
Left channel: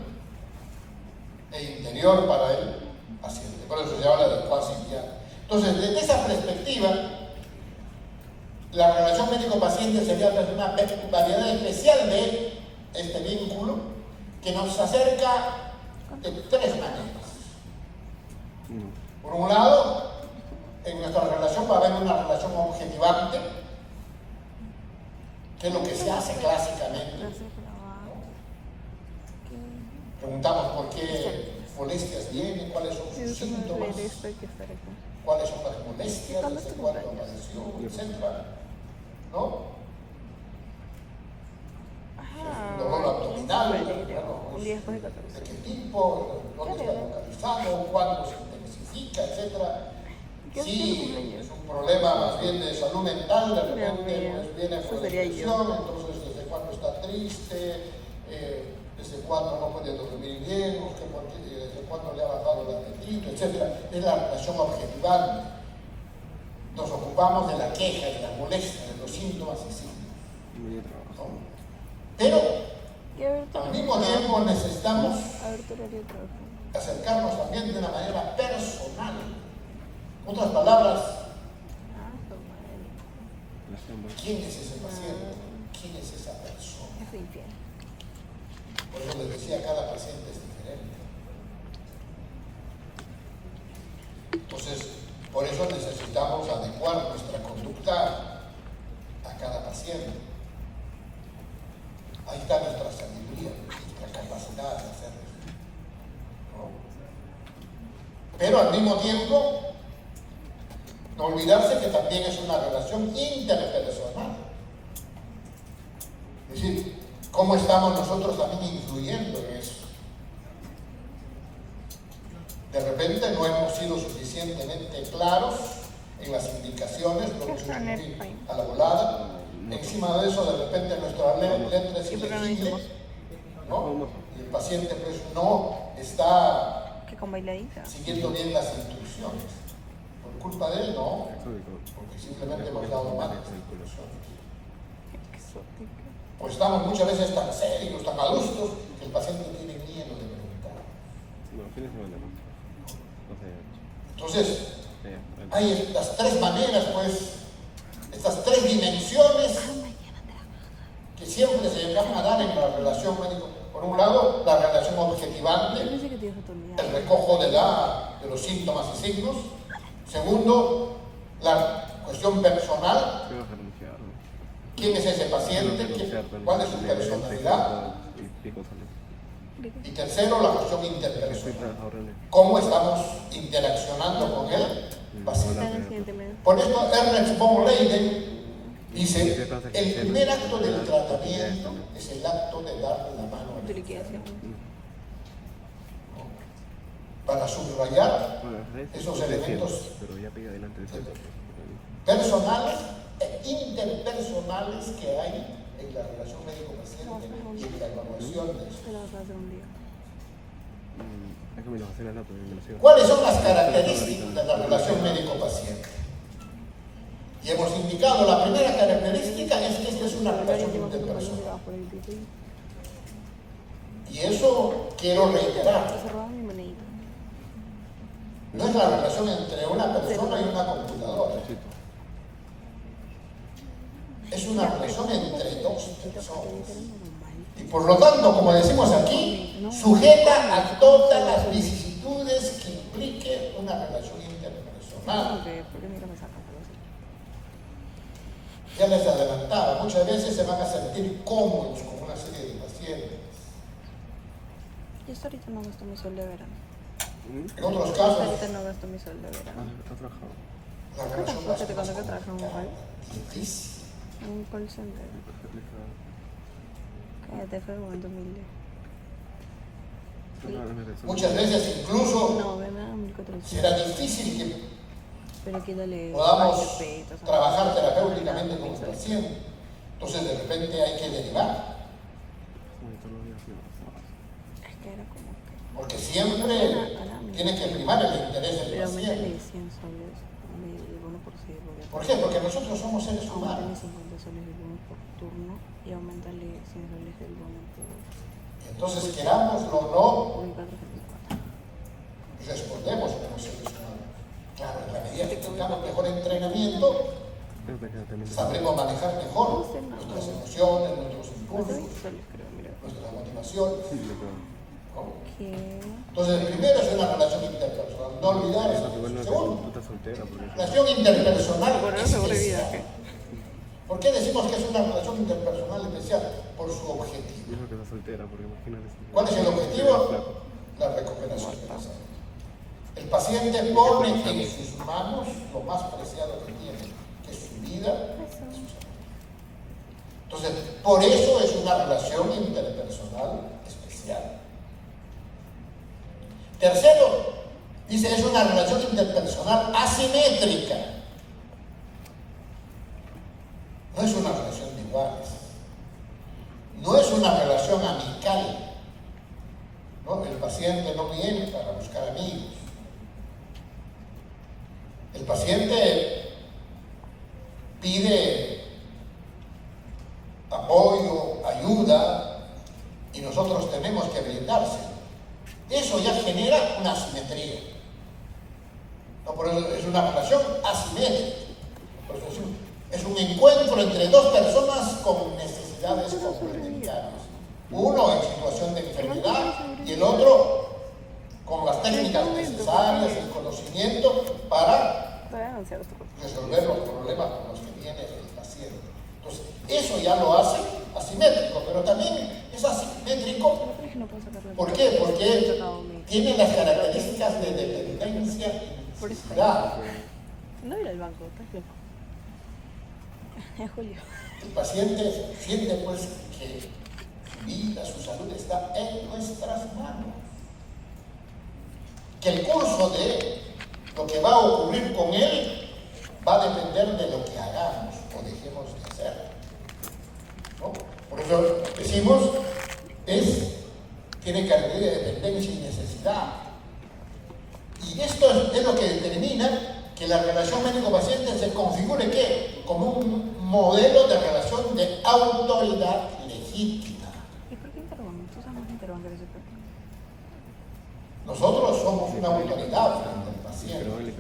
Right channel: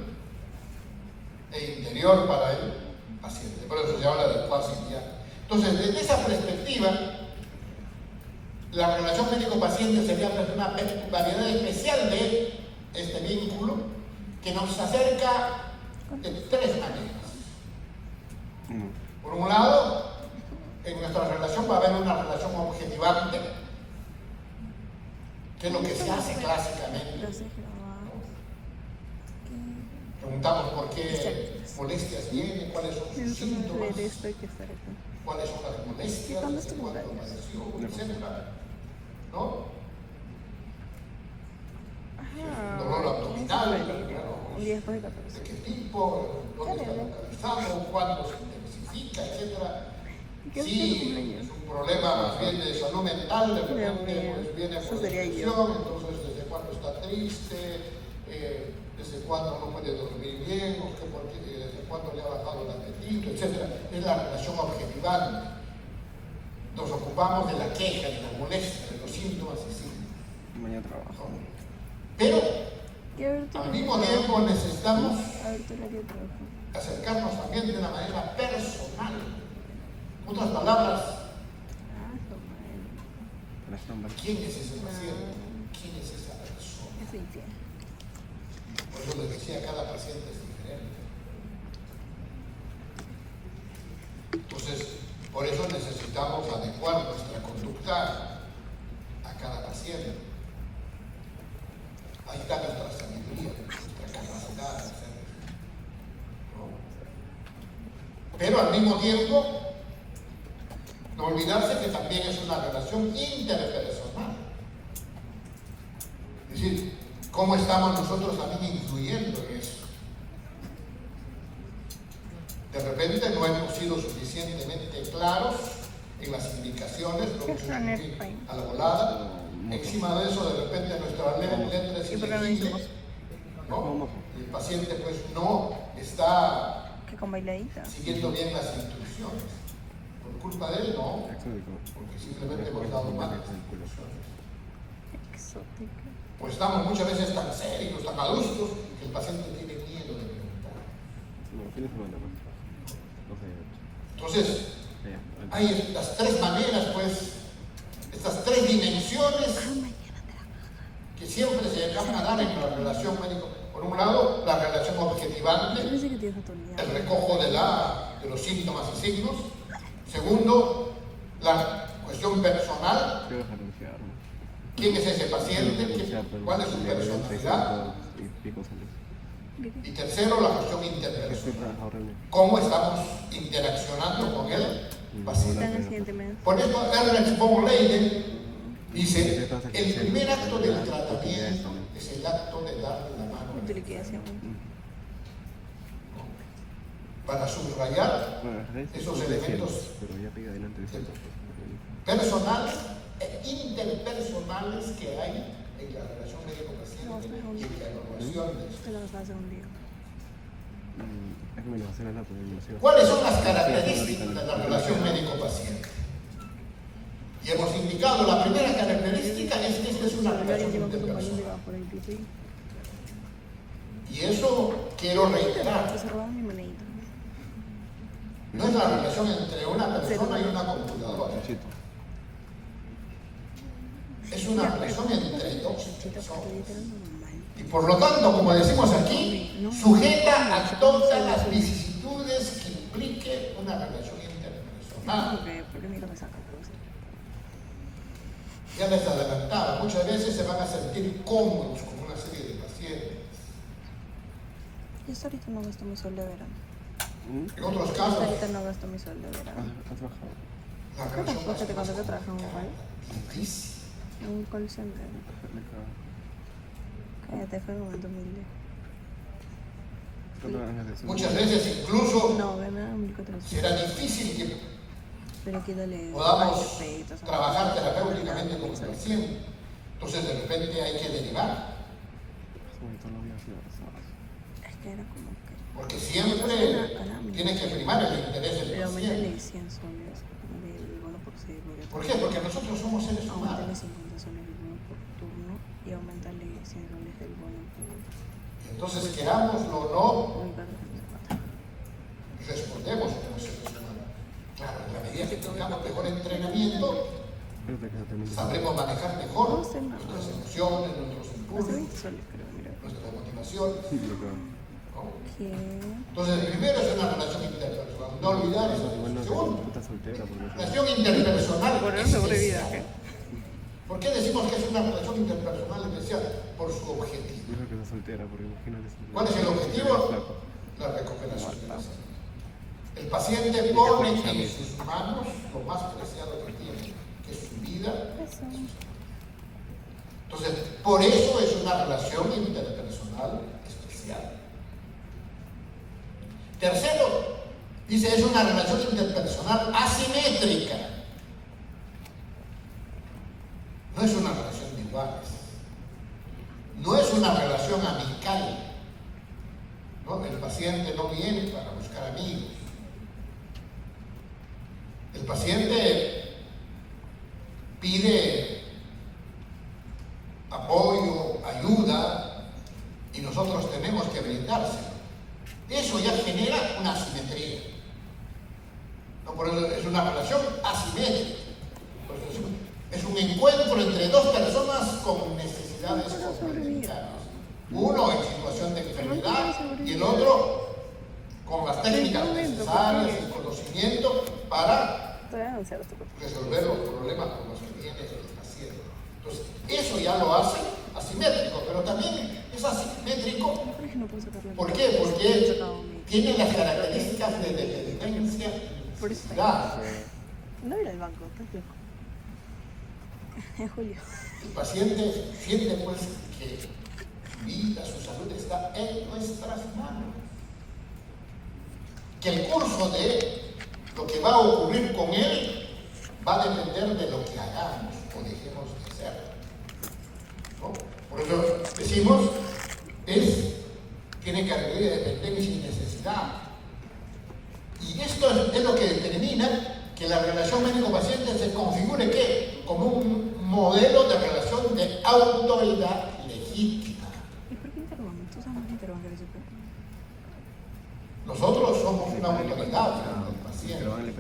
e interior para el paciente. Por eso se habla de cuasi diaria. Entonces, desde esa perspectiva, la relación médico-paciente sería una variedad especial de este vínculo que nos acerca de tres maneras. Por un lado, en nuestra relación va a haber una relación objetivante, que es lo que se hace clásicamente, ¿no? Preguntamos por qué molestias vienen, cuáles son sus síntomas, cuáles son las molestias, desde cuándo apareció, etc. ¿No? Un dolor abdominal, de qué tipo, dónde está localizado, cuándo se intensifica, etc. Si es un problema más bien de salud mental, de repente pues viene por depresión, entonces desde cuándo está triste, desde cuándo no puede dormir bien, desde cuándo le ha bajado el apetito, etc. Es la relación objetivante. Nos ocupamos de la queja, de la molestia, de los síntomas y signos. ¿No? Pero al mismo tiempo necesitamos acercarnos también de una manera personal. En otras palabras, ¿quién es ese paciente? ¿Quién es esa persona? Por eso les decía, cada paciente es diferente. Entonces, por eso necesitamos adecuar nuestra conducta a cada paciente. Ahí está nuestra sabiduría, nuestra capacidad de hacer eso, ¿no? Pero al mismo tiempo, no olvidarse que también es una relación interpersonal. Es decir, cómo estamos nosotros también influyendo en eso. De repente no hemos sido suficientemente claros en las indicaciones, lo hemos hecho a la volada. Encima de eso, de repente nuestra letra es ilegible, ¿no? Y el paciente pues no está siguiendo bien las instrucciones. ¿Por culpa de él? No, porque simplemente hemos dado malas instrucciones. Pues estamos muchas veces tan serios, tan adustos, que el paciente tiene miedo de preguntar. Entonces, hay estas tres maneras, pues, estas tres dimensiones que siempre se van a dar en la relación médico. Por un lado, la relación objetivante, el recojo de los síntomas y signos. Segundo, la cuestión personal. ¿Quién es ese paciente? ¿Cuál es su personalidad? Y tercero, la cuestión interpersonal. ¿Cómo estamos interaccionando con el paciente? Por eso Ernest von Leiden dice, el primer acto del tratamiento es el acto de darle la mano al enfermo. Para subrayar esos elementos personales e interpersonales que hay en la relación médico-paciente y en la evaluación de eso. ¿Cuáles son las características de la relación médico-paciente? Y hemos indicado, la primera característica es que esta es una relación interpersonal. Y eso quiero reiterar. No es la relación entre una persona y una computadora. Es una relación entre dos personas. Y por lo tanto, como decimos aquí, sujeta a todas las vicisitudes una relación interpersonal. Porque mira, me sacan cosas. Ya les adelantaba, muchas veces se van a sentir cómodos con una serie de pacientes. Yo hasta ahorita no gasto mi sol de verano. En otros casos, Ahorita no gasto mi sol de verano. ¿Has trabajado? la relación va a ser Te más cuento que trabajo en un complicada, call. difícil. Un call center. Cállate, fue momento humilde. Muchas veces incluso No, gana 1400. será difícil que Pero quítale. podamos respeto, ¿sabes? trabajar terapéuticamente con el paciente. Entonces de repente hay que derivar, Es que era como que. porque siempre tiene que primar el interés del Pero aumentale paciente. 100 soles del bono por 6. ¿Por qué? Porque nosotros somos seres Aumentale humanos. 50 soles del bono por turno y aumentale 100 soles del bono por. Y entonces, querámoslo o no, Por 404. respondemos como seres humanos. Claro, en la medida que tengamos mejor entrenamiento, sabremos manejar mejor nuestras emociones, nuestros Hace impulsos, 20 soles, creo, mira. nuestras motivaciones. ¿No? Que. Entonces, primero es una relación interpersonal, no olvidar eso. Segundo, Tú estás soltera porque... relación interpersonal Por eso especial. ¿Por qué decimos que es una relación interpersonal especial? Por su objetivo. Dijo que estás soltera porque imagínate. ¿Cuál es el objetivo? La recuperación de la salud. El paciente pone en sus manos lo más preciado que tiene, que es su vida y su salud. Entonces, por eso es una relación interpersonal especial. Tercero, dice, es una relación interpersonal asimétrica. No es una relación de iguales. No es una relación amical. ¿No? El paciente no viene para buscar amigos. El paciente pide apoyo, ayuda, y nosotros tenemos que brindárselo. Eso ya genera una asimetría. No, por eso es una relación asimétrica. Por eso es un encuentro entre dos personas con necesidades complementarias. Uno en situación de enfermedad y el otro con las técnicas necesarias, el conocimiento para resolver los problemas con los que viene el paciente. Entonces, eso ya lo hace asimétrico, pero también es asimétrico. ¿Por qué? Porque tiene las características de dependencia y necesidad. No era el banco, estás loco. Es Julio. El paciente siente pues que su vida, su salud está en nuestras manos. Que el curso de lo que va a ocurrir con él va a depender de lo que hagamos o dejemos de hacer. ¿No? Por eso decimos, tiene características de dependencia y necesidad. Y esto es lo que determina que la relación médico-paciente se configure ¿qué? Como un modelo de relación de autoridad legítima. ¿Y por qué Interbank? ¿Tú sabes más de Interbank que de Nosotros somos una autoridad frente al paciente.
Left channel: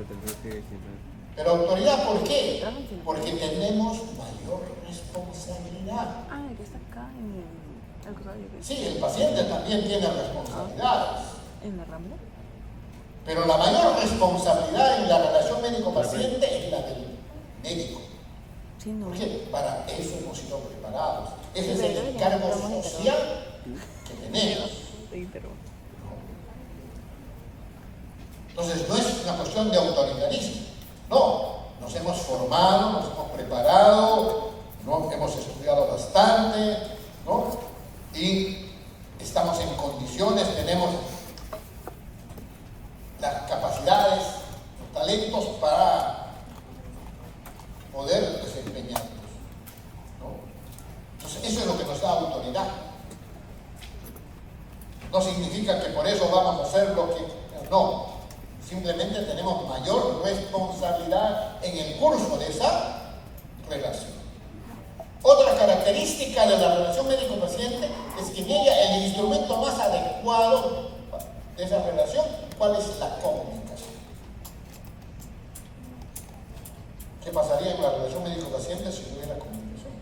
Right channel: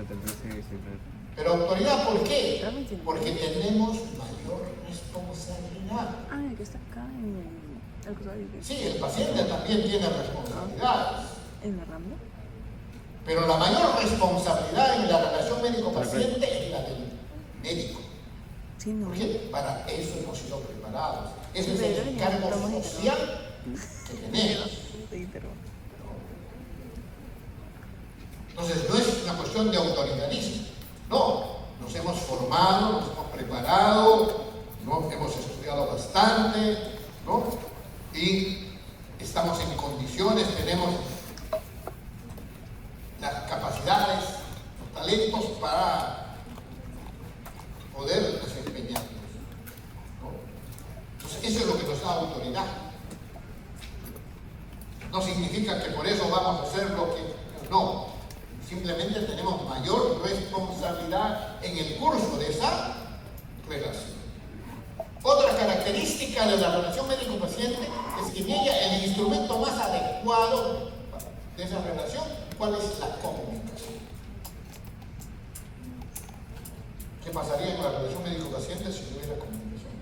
Pero autoridad, ¿por qué? Porque tenemos mayor responsabilidad. Ah, el que está acá en el colegio que Sí, el paciente también tiene responsabilidades. en la Rambla. Pero la mayor responsabilidad en la relación médico-paciente es la del médico. Sí, no. ¿Por qué? Para eso hemos sido preparados. Ese es el encargo social que tenemos. Te interrumpo. Entonces no es una cuestión de autoritarismo. No, nos hemos formado, nos hemos preparado, ¿no? Hemos estudiado bastante, ¿no? Y estamos en condiciones, tenemos las capacidades, los talentos para poder desempeñarnos, ¿no? Entonces eso es lo que nos da autoridad. No significa que por eso vamos a hacer lo que... No, simplemente tenemos mayor responsabilidad en el curso de esa relación. Otra característica de la relación médico-paciente es que en ella el instrumento más adecuado de esa relación, ¿cuál es la comunicación? ¿Qué pasaría en la relación médico-paciente si no hubiera comunicación?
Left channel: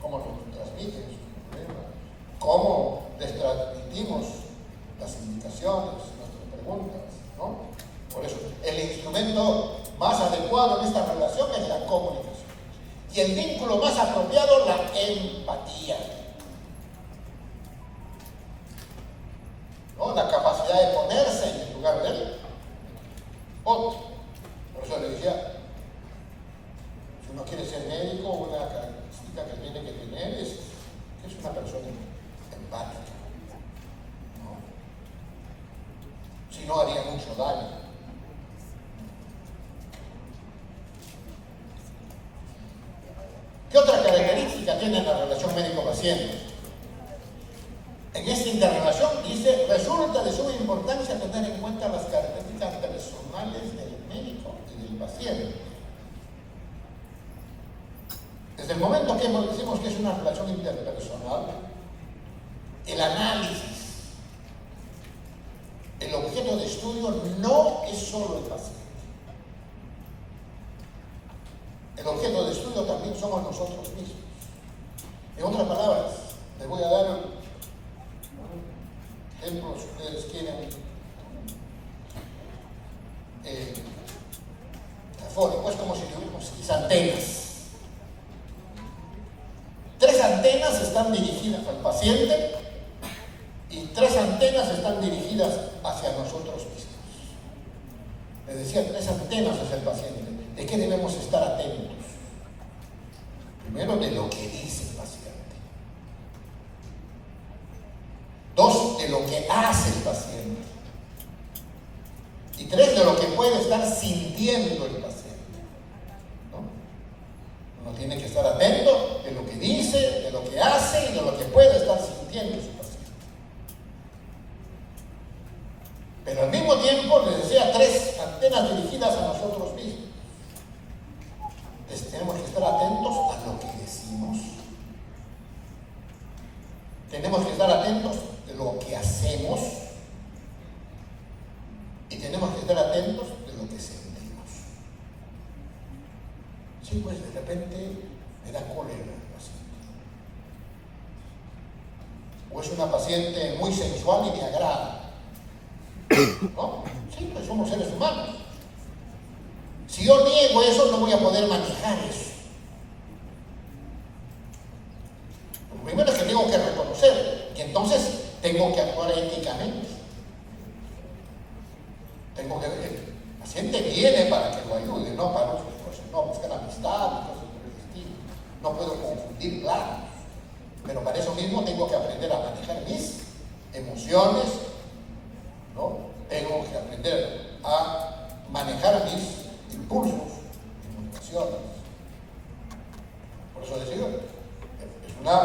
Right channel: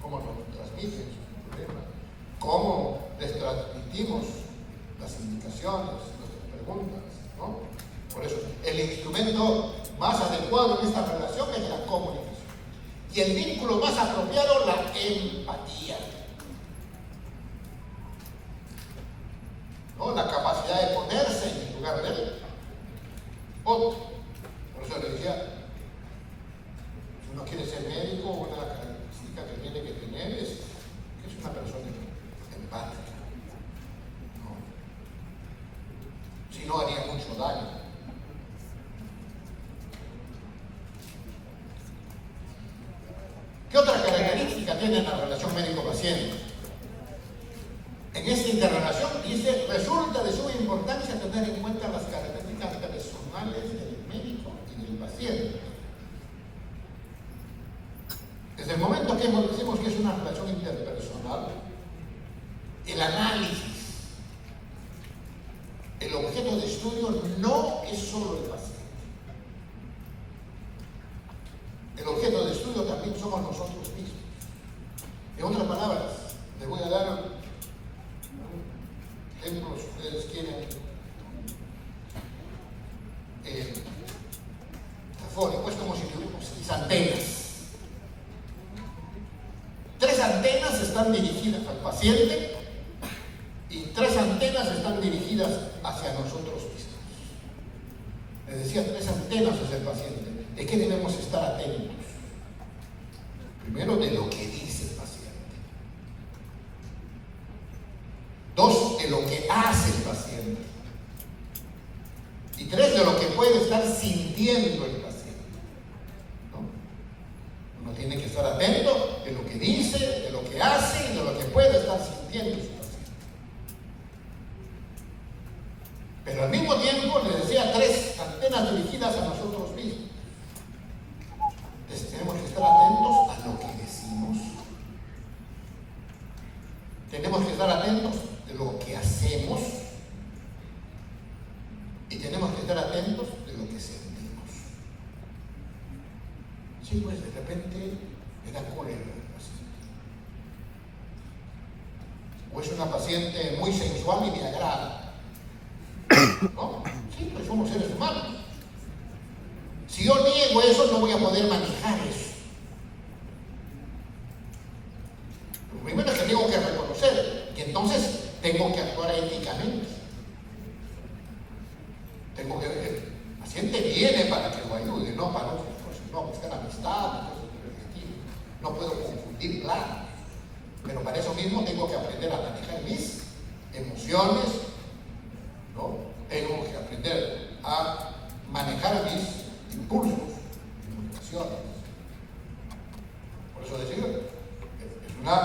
¿Cómo nos transmiten sus problemas? ¿Cómo les transmitimos las indicaciones, nuestras preguntas? ¿No? Por eso, el instrumento más adecuado en esta relación es la comunicación. Y el vínculo más apropiado, la empatía. ¿No? La capacidad de ponerse en el lugar de él. Otro. Por eso le decía, si uno quiere ser médico, una característica que tiene que tener es que es una persona empática. ¿No? Si no, haría mucho daño. ¿Qué otra característica tiene la relación médico-paciente? En esta interrelación dice, resulta de suma importancia tener en cuenta las características personales del médico y del paciente. Desde el momento que decimos que es una relación interpersonal, el análisis, el objeto de estudio no es solo el paciente. El objeto de estudio también somos nosotros mismos. En otras palabras, les voy a dar ejemplos, si ustedes quieren, afónico, es como si tuviéramos 6 antenas. 3 antenas están dirigidas al paciente y 3 antenas están dirigidas hacia nosotros mismos. Les decía, 3 antenas es el paciente. ¿De qué debemos estar atentos? Primero, de lo que dice el paciente. 2, de lo que hace el paciente. Y 3, de lo que puede estar sintiendo el paciente. ¿No? Uno tiene que estar atento de lo que dice, de lo que hace y de lo que puede estar sintiendo su paciente. Pero al mismo tiempo, les decía, 3 antenas dirigidas a nosotros mismos. Entonces, tenemos que estar atentos a lo que decimos. Tenemos que estar atentos de lo que hacemos. Y tenemos que estar atentos de lo que sentimos. Sí, pues de repente me da cólera el paciente. O es una paciente muy sensual y me agrada. ¿No? Sí, pues somos seres humanos. Si yo niego eso, no voy a poder manejar eso. Lo primero es que tengo que reconocer y entonces tengo que actuar éticamente. Tengo que ver que el paciente viene para que lo ayude, no para otras cosas, no buscar amistad, cosas por el estilo. No puedo confundir planos. Pero para eso mismo tengo que aprender a manejar mis emociones, ¿no? Tengo que aprender a manejar mis impulsos y motivaciones. Por eso decía, es una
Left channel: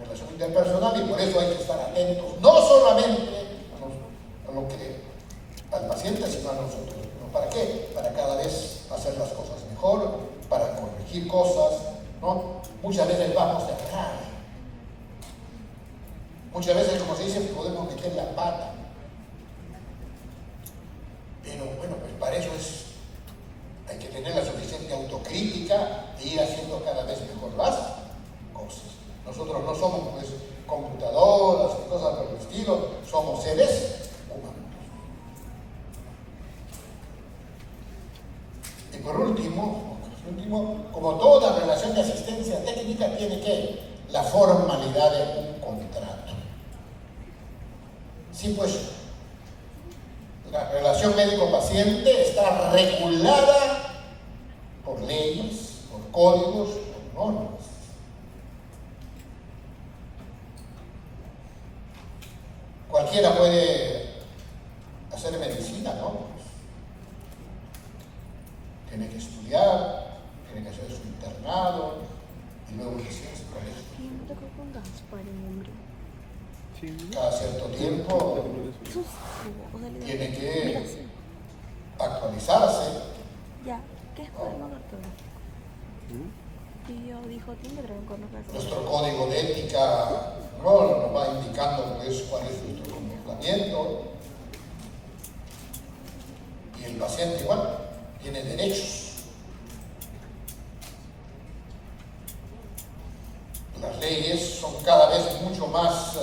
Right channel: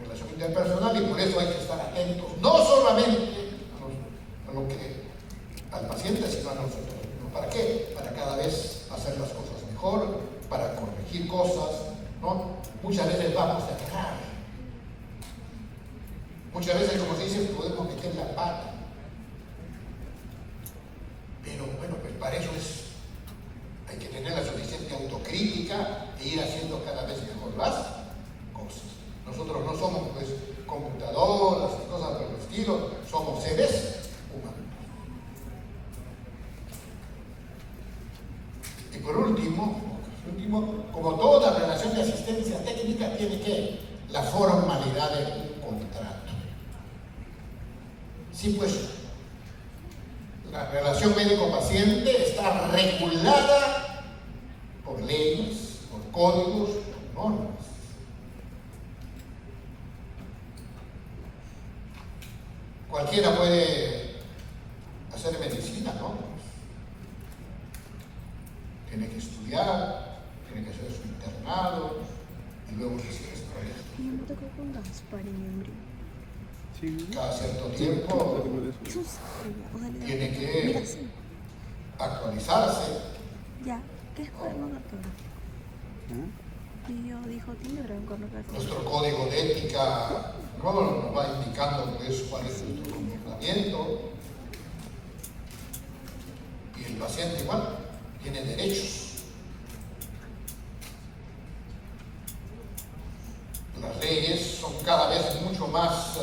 relación interpersonal y por eso hay que estar atentos, no solamente a lo que al paciente, sino a nosotros. ¿No? ¿Para qué? Para cada vez hacer las cosas mejor, para corregir cosas, ¿no? Muchas veces vamos a errar. Muchas veces, como se dice, podemos meter la pata. Pero bueno, pues para eso hay que tener la suficiente autocrítica e ir haciendo cada vez mejor las cosas. Nosotros no somos pues computadoras y cosas por el estilo, somos seres humanos. Y por último, como toda relación de asistencia técnica tiene que la formalidad de un contrato. Sí, pues la relación médico-paciente está regulada por leyes, por códigos, por normas. Cualquiera puede hacer medicina, ¿no? Pues, tiene que estudiar, tiene que hacer su internado y luego licencia. Cada cierto tiempo tiene que actualizarse. Nuestro código de ética nos va indicando pues, cuál es nuestro comportamiento. Y el paciente igual tiene derechos. Las leyes son cada vez mucho más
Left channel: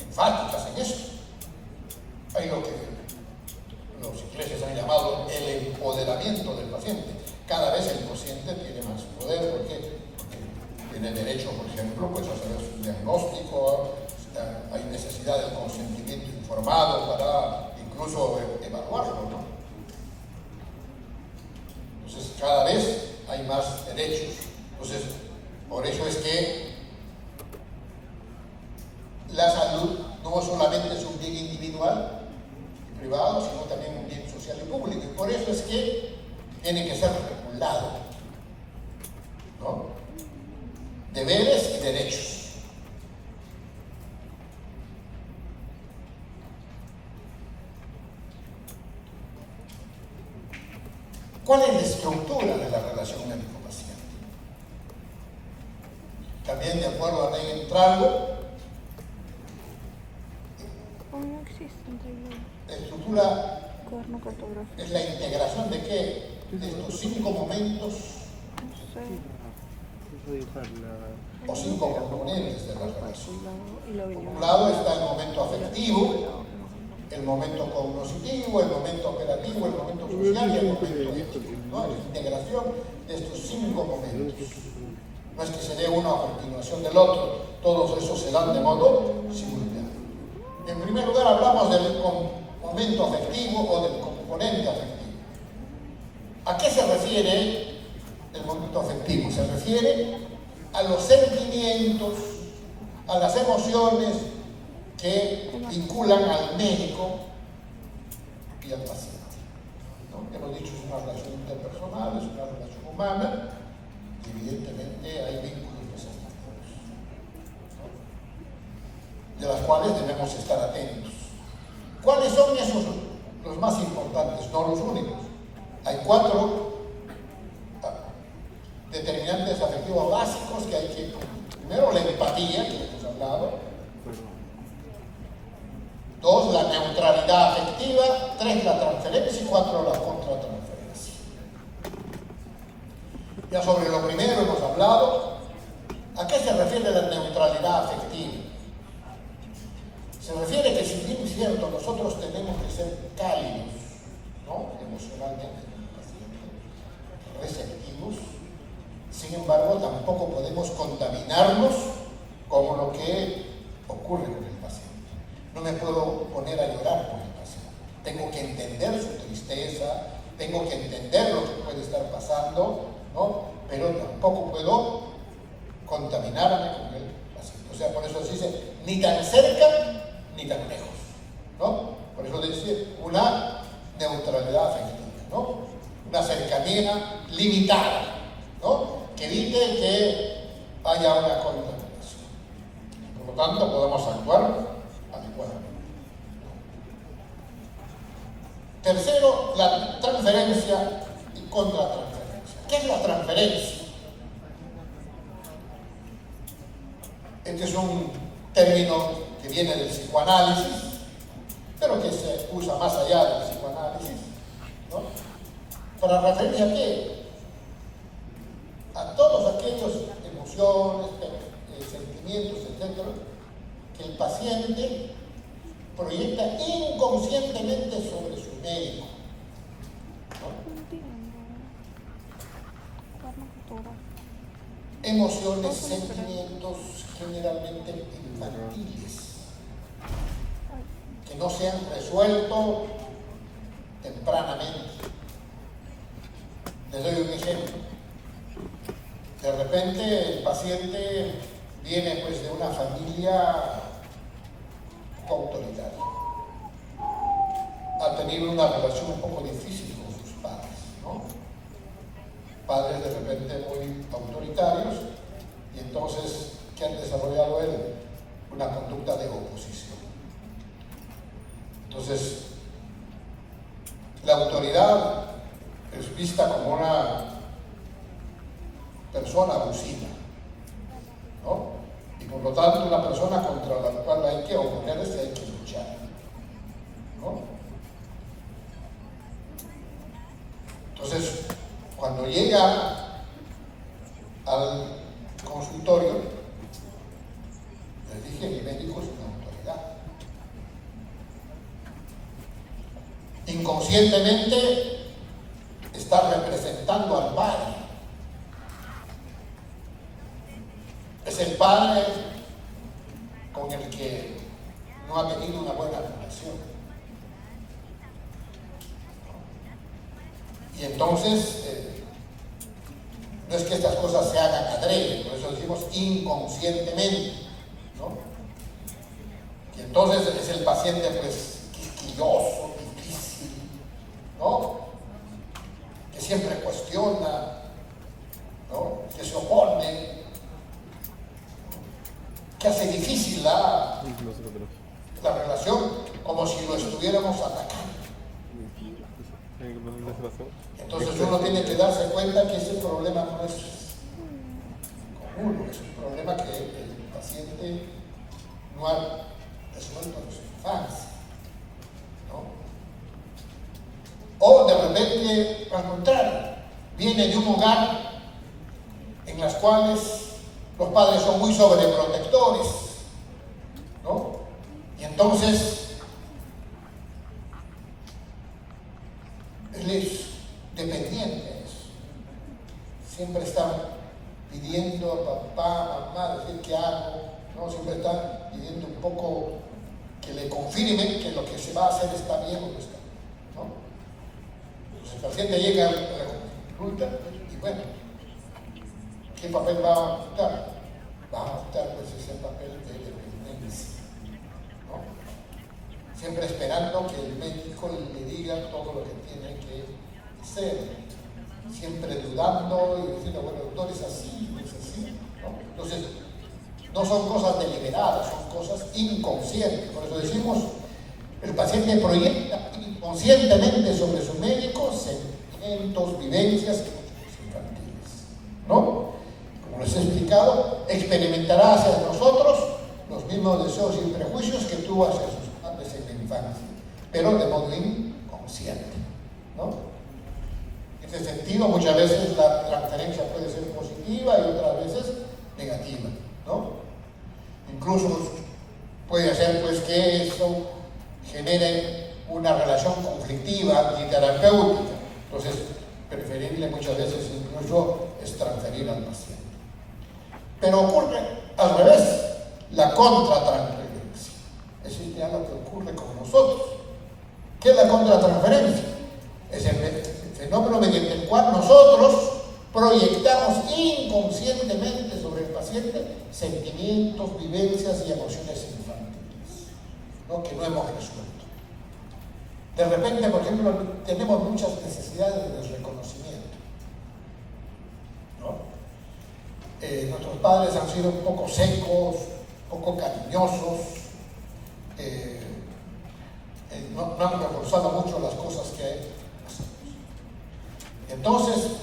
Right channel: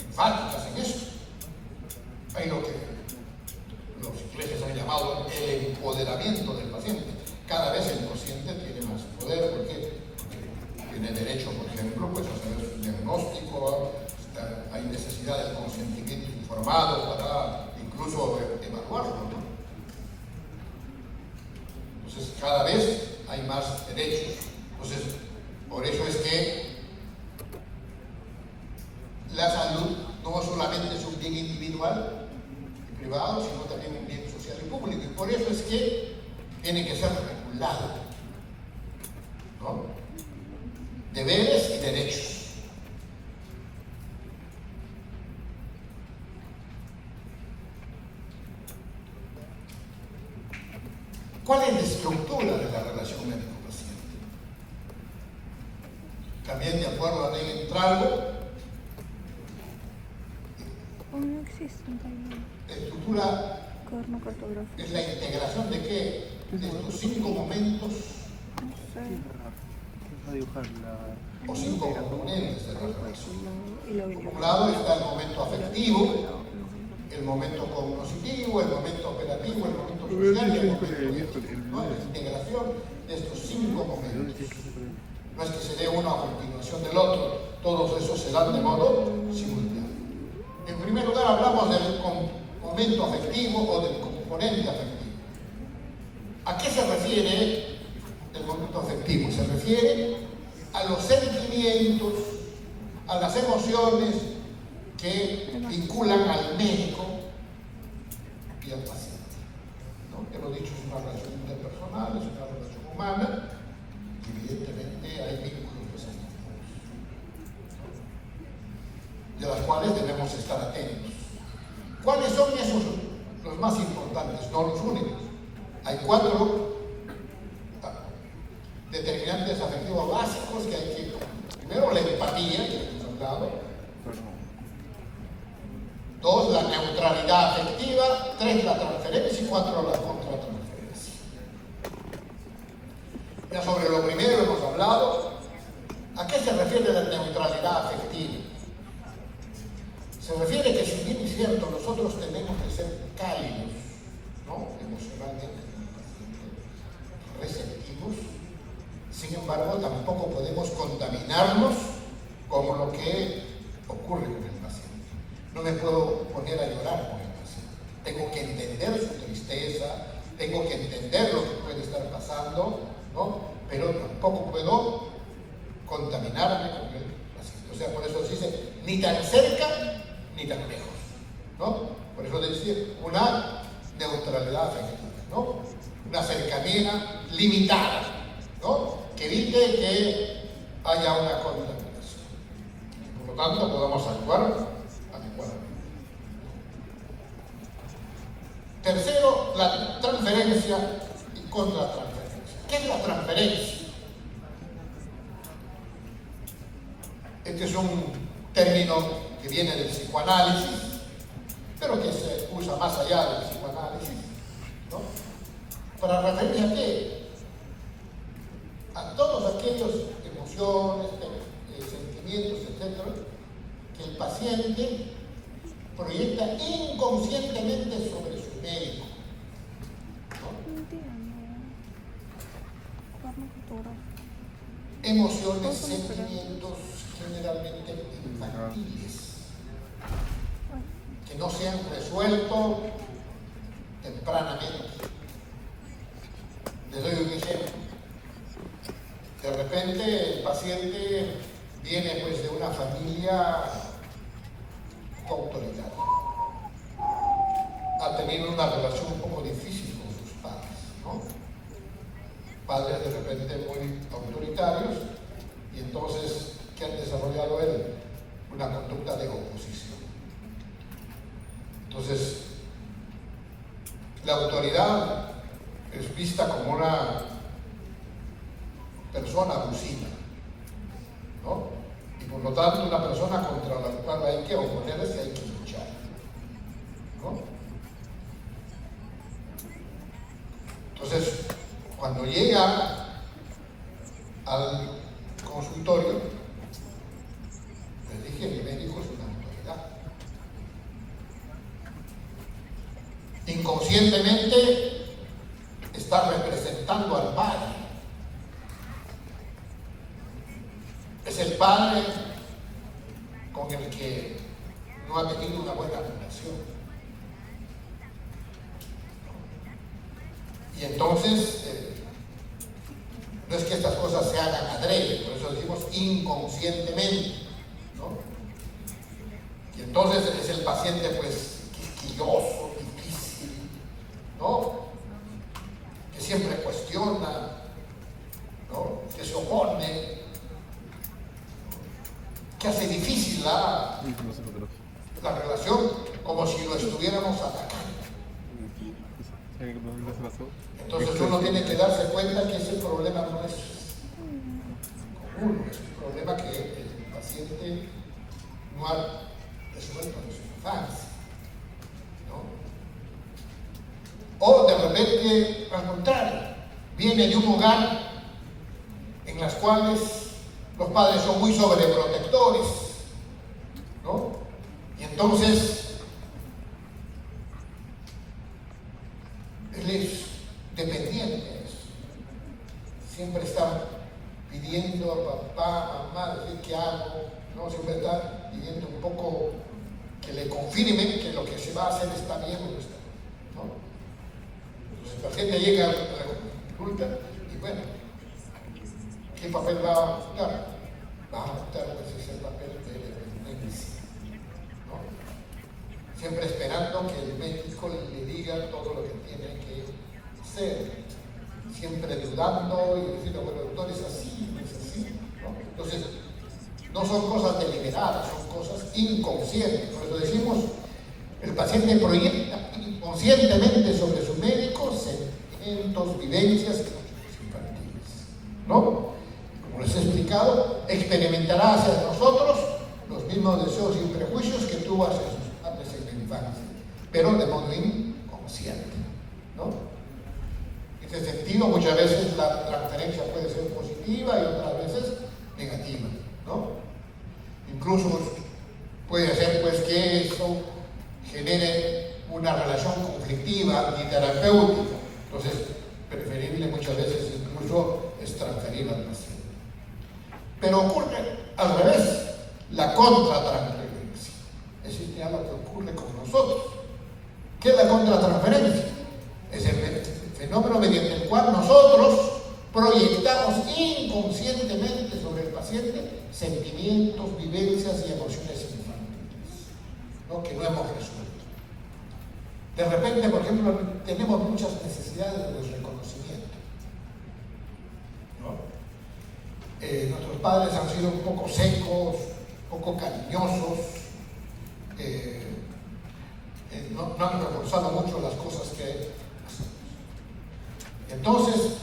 enfáticas en eso. Hay lo que cada vez el paciente tiene más poder. ¿Por qué? Porque tiene derecho, por ejemplo, pues, a hacer su diagnóstico, hay necesidad de consentimiento informado para incluso evaluarlo, ¿no? Entonces, cada vez hay más derechos. Entonces, por eso es que la salud no solamente es un bien individual y privado, sino también un bien social y público. Y por eso es que tiene que ser regulado, ¿no? Deberes y derechos. ¿Cuál es la estructura de la relación médico-paciente? También de acuerdo a Ney Entralgo, No existe un taller. la estructura Cuaderno cartográfico. es la integración de qué? De estos 5 momentos No sé. Vamos a dibujar la... o 5 componentes de la relación. Y lo Por un lado está el momento afectivo, el momento cognoscitivo, el momento operativo, el momento social y el momento ético, ¿no? La integración de estos 5 momentos. No es que se dé uno a continuación del otro, todos esos se dan de modo simultáneo. En primer lugar hablamos del momento afectivo o del componente afectivo. ¿A qué se refiere el momento afectivo? Se refiere a los sentimientos, a las emociones que vinculan al médico y al paciente, ¿no? Hemos dicho, es una relación interpersonal, es una relación humana, y evidentemente hay vínculos de sentimientos, ¿no? De las cuales debemos estar atentos. ¿Cuáles son esos los más importantes? No los únicos. Hay 4 determinantes afectivos básicos que hay que... Primero, la empatía, que hemos hablado. 2, la neutralidad afectiva. 3, la transferencia. Y 4, la contratransferencia. Ya sobre lo primero hemos hablado. ¿A qué se refiere la neutralidad afectiva? Se refiere que, si bien es cierto, nosotros tenemos que ser cálidos, ¿no? Emocionalmente, receptivos, sin embargo, tampoco podemos contaminarnos con lo que ocurre con el paciente. No me puedo poner a llorar por el paciente. Tengo que entender su tristeza, tengo que entender lo que puede estar pasando, ¿no? Pero tampoco puedo contaminarme con el paciente. O sea, por eso se dice, ni tan cerca ni tan lejos, ¿no? Por eso decir una neutralidad afectiva, ¿no? Una cercanía limitada, ¿no? Que evite que haya una contaminación. Por lo tanto, podamos actuar adecuadamente. Tercero, la transferencia y contratransferencia. ¿Qué es la transferencia? Este es un término que viene del psicoanálisis, pero que se usa más allá del psicoanálisis, ¿no? ¿Para referirse a qué? A todos aquellos emociones, sentimientos, etc., que el paciente proyecta inconscientemente sobre su médico, ¿no? Emociones, sentimientos generalmente infantiles, que no se han resuelto tempranamente. Les doy un ejemplo. De repente el paciente viene pues de una familia autoritaria. Ha tenido una relación un poco difícil con sus padres, ¿no? Padres de repente muy autoritarios, y entonces, ¿qué han desarrollado él? Una conducta de oposición. Entonces, la autoridad es vista como una persona abusiva, ¿no? Y por lo tanto una persona contra la cual hay que oponerse, hay que luchar, ¿no? Entonces, cuando llega al consultorio, les dije, mi médico es una autoridad. Inconscientemente está representando al padre. padre con el que no ha tenido una buena relación. Y entonces, no es que estas cosas se hagan adrede, por eso decimos inconscientemente, ¿no? Y entonces es el paciente pues quisquilloso, difícil, ¿no? Que siempre cuestiona, ¿no? Que se opone, que hace difícil la relación, como si lo estuviéramos atacando. Entonces uno tiene que darse cuenta que ese problema no es común, es un problema que el paciente no ha resuelto en su infancia, ¿no? O de repente, al contrario, viene de un hogar en las cuales los padres son muy sobreprotectores, ¿no? Y entonces él es dependiente de eso. Siempre está pidiendo a papá, mamá, decir qué hago, ¿no? Siempre está pidiendo un poco que le confirmen que lo que se va a hacer está bien o no está bien, ¿no? Entonces el paciente llega a la consulta y bueno, ¿qué papel va a optar? Va a optar pues ese papel de dependencia, ¿no? Siempre esperando que el médico le diga todo lo que tiene que hacer, siempre dudando y diciendo, bueno, doctor, es así, no es así, ¿no? Entonces, no son cosas deliberadas, son cosas inconscientes. Por eso decimos, el paciente proyecta inconscientemente sobre su médico sentimientos, vivencias infantiles, ¿no? Como les he explicado, experimentará hacia nosotros los mismos deseos y prejuicios que tuvo hacia sus padres en la infancia, pero de modo inconsciente, ¿no? En ese sentido, muchas veces la transferencia puede ser positiva y otras veces negativa, ¿no? Incluso puede hacer pues que eso genere una relación conflictiva antiterapéutica. Entonces, preferible muchas veces incluso es transferir al paciente. Pero ocurre al revés, la contratransferencia. Es decir, ya lo que ocurre con nosotros. ¿Qué es la contratransferencia? Es el fenómeno mediante el cual nosotros proyectamos inconscientemente sobre el paciente sentimientos, vivencias y emociones infantiles, ¿no? Que no hemos resuelto. De repente, por ejemplo, tenemos muchas necesidades de reconocimiento, ¿no? Nuestros padres han sido un poco secos, un poco cariñosos, no han reforzado mucho las cosas que hacemos. Entonces,